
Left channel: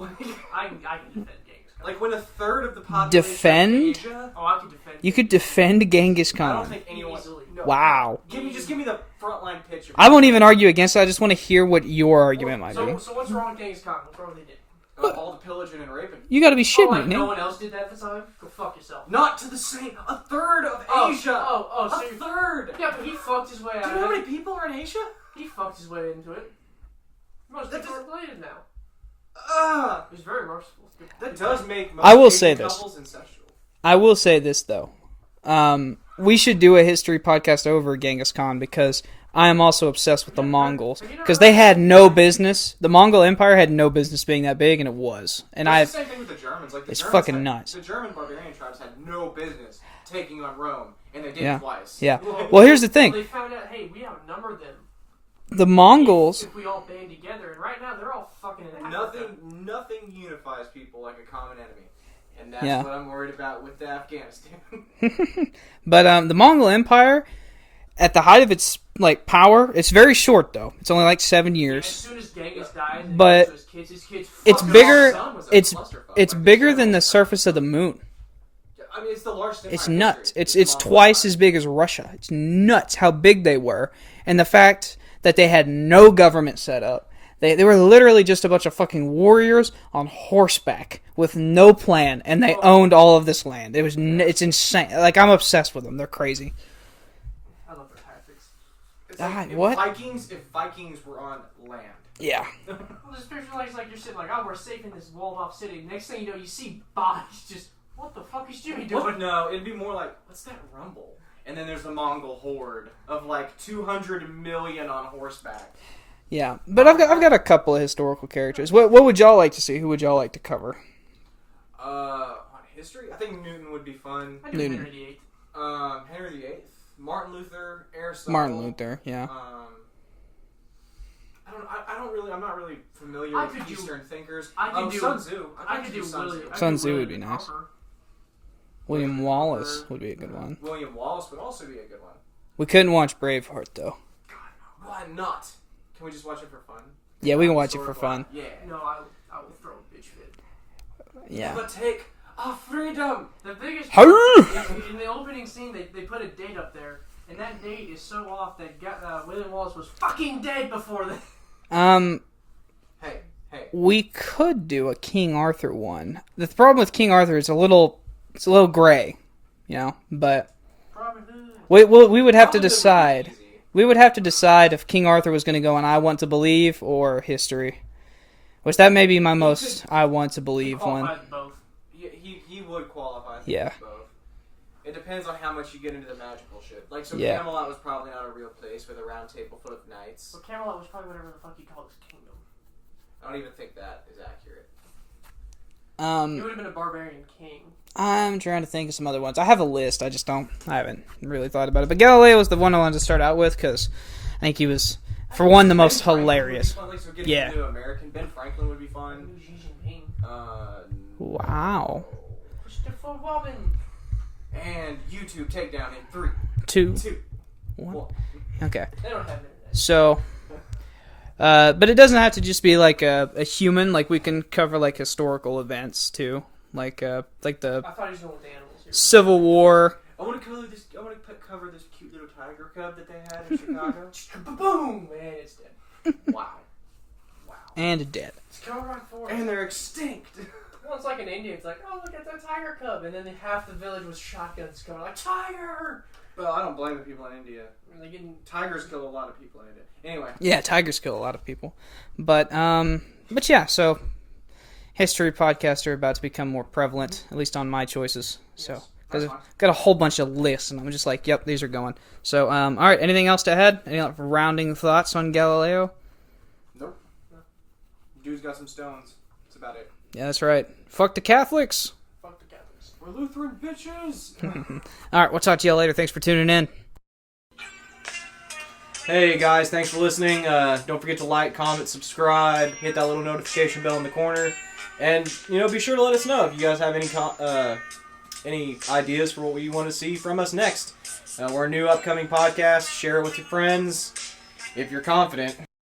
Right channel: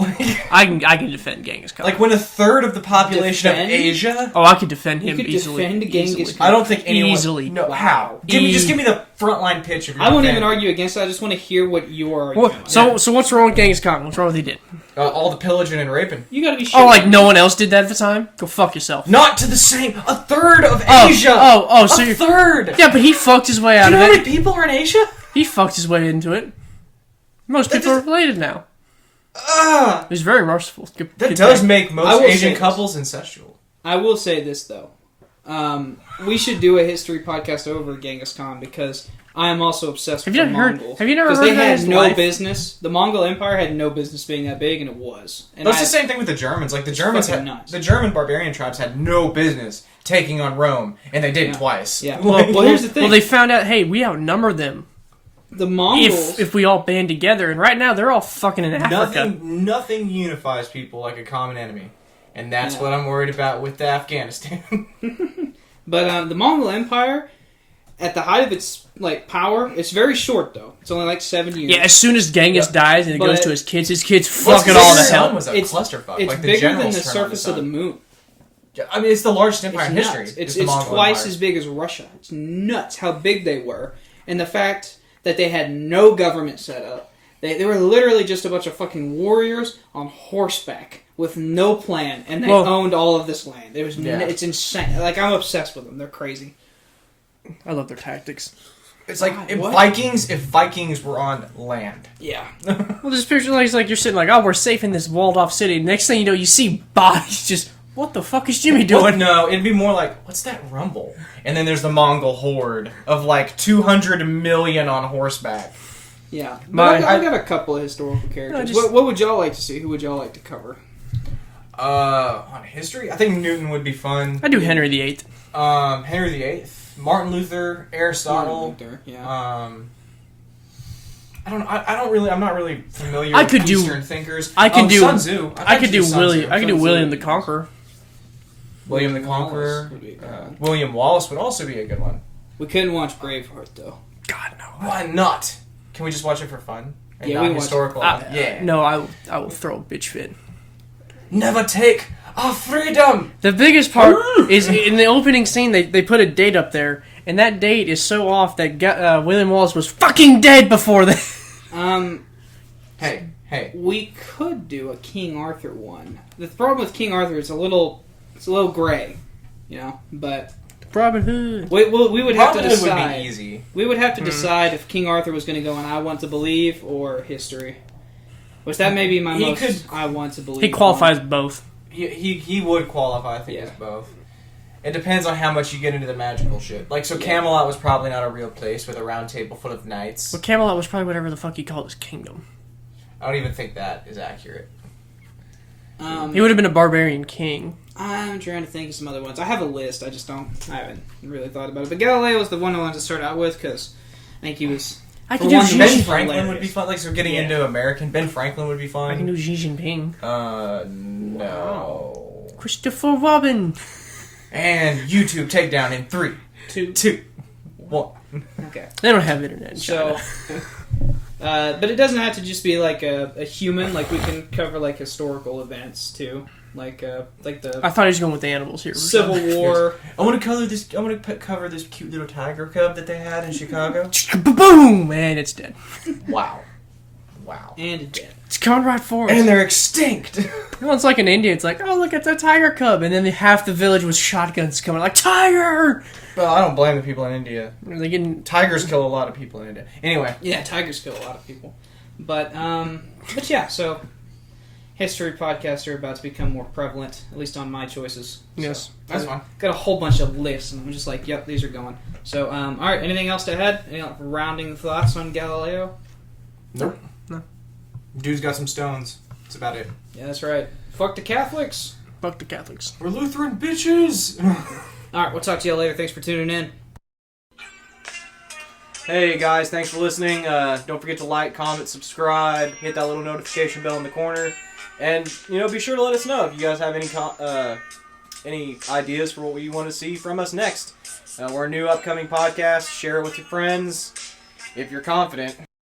I can defend Genghis Khan. Like when a third of the population Defend? of Asia. I could defend him. You could easily. defend Genghis Khan. I don't think anyone Easily. No, Wow. how? Just give me the frontline pitch. Of your I won't even defense. argue against it. I just want to hear what your argument might be. So what's wrong with Genghis Khan? What's wrong with what he did? All the pillaging and raping. You got to be sure. Oh, like no one else did that at the time? Go fuck yourself. Not to the same. A third of Oh, Asia. so a you're... third. Yeah, but he fucked his way Do out you know of how it. many people are in Asia? He fucked his way into it. Most people are related now. He's very merciful. That does make I will most say Asian this. couples incestual. I will say this though. We should do a history podcast over Genghis Khan because I am also obsessed with the Mongols. Have you never Because heard they of had his no life? business. The Mongol Empire had no business being that big, and it was. And That's the same thing with the Germans. Like the Germans, fucking nuts. the German barbarian tribes had no business taking on Rome, and they did twice. Yeah. Like- Well, here's the thing. Well, they found out, hey, we outnumber them The Mongols. if we all band together. And right now, they're all fucking in Africa. Nothing unifies people like a common enemy, and that's Yeah. what I'm worried about with Afghanistan. But the Mongol Empire, at the height of its power, it's very short though. It's only like 7 years. Yeah, as soon as Genghis dies and it But goes to his kids bigger- fuck it all to hell. Was a It's clusterfuck. It's Like, bigger than generals the turned surface on of the moon. I mean, it's the largest empire It's in history. nuts. is the It's Mongol twice Empire. as big as Russia. It's nuts how big they were, and the fact that they had no government set up. They were literally just a bunch of fucking warriors on horseback with no plan, and they owned all of this land. It was it's insane. Like, I'm obsessed with them. They're crazy. I love their tactics. It's like God, if what? Vikings were on land. Yeah. Well, just picture like you're sitting like, oh, we're safe in this walled off city. Next thing you know, you see bodies just. What the fuck is Jimmy Well, doing? no, it'd be more like, what's that rumble? And then there's the Mongol horde of like 200 million on horseback. Yeah. But But I've got a couple of historical characters. just- What would y'all like to see? Who would y'all like to cover? On history, I think Newton would be fun. I do Henry VIII. Henry VIII, Martin Luther, Aristotle. Martin Luther, yeah. I don't really. I'm not really familiar. I with could do- Eastern thinkers. I could do- Sun Tzu. I could do Sun William. Tzu. I could do Sun Tzu William would the be nice. Conqueror. William the Wallace Conqueror. would be a good one. William Wallace would also be a good one. We couldn't watch Braveheart though. God no. Why not? Can we just watch it for fun? And Yeah, we not can watch it for historical? fun. Yeah. No, I will throw a bitch fit. Never take our freedom. The biggest part is in the opening scene. They put a date up there, and that date is so off that William Wallace was fucking dead before that. Hey. We could do a King Arthur one. The problem with King Arthur is it's a little gray, but Robin Hood. we would have to Robin Hood would decide. be easy. We would have to decide if King Arthur was going to go on I Want to Believe or History. Which that may be my He most could- I Want to Believe. He qualifies both. He would qualify. I think Yeah. as both. It depends on how much you get into the magical shit. Like, so Yeah. Camelot was probably not a real place with a round table full of knights. But Camelot was probably whatever the fuck he called his kingdom. I don't even think that is accurate. He would have been a barbarian king. I'm trying to think of some other ones. I have a list. I haven't really thought about it. But Galileo was the one I wanted to start out with because I think he was, the most Ben Franklin hilarious. would be fun. Like, so getting into American, Ben Franklin would be fun. I can do Xi Jinping. No. Wow. Christopher Robin. And YouTube takedown in 3, 2, 1. Okay. They don't have internet. So, but it doesn't have to just be like a human. Like we can cover like historical events too, like the I thought he was going with the animals here. Civil War. I want to cover this cute little tiger cub that they had in Chicago. Boom! And it's dead. Wow. And dead. It's Conrad Forrest. And they're extinct. No, it's like in India. It's like, oh, look, it's a tiger cub. And then half the village with shotguns coming like, tiger! Well, I don't blame the people in India. Are they getting... Tigers kill a lot of people in India. Anyway. Yeah, tigers kill a lot of people. But yeah, so history podcasts are about to become more prevalent, at least on my choices. Yes. So, That's fine. Got a whole bunch of lists, and I'm just like, yep, these are going. So, all right, anything else to add? Any rounding thoughts on Galileo? Nope. No. Dude's got some stones. That's about it. Yeah, that's right. Fuck the Catholics. Fuck the Catholics. We're Lutheran bitches! All right, we'll talk to you later. Thanks for tuning in. Hey guys, thanks for listening. Don't forget to like, comment, subscribe, hit that little notification bell in the corner, and be sure to let us know if you guys have any ideas for what you want to see from us next. We're a new upcoming podcast. Share it with your friends if you're confident.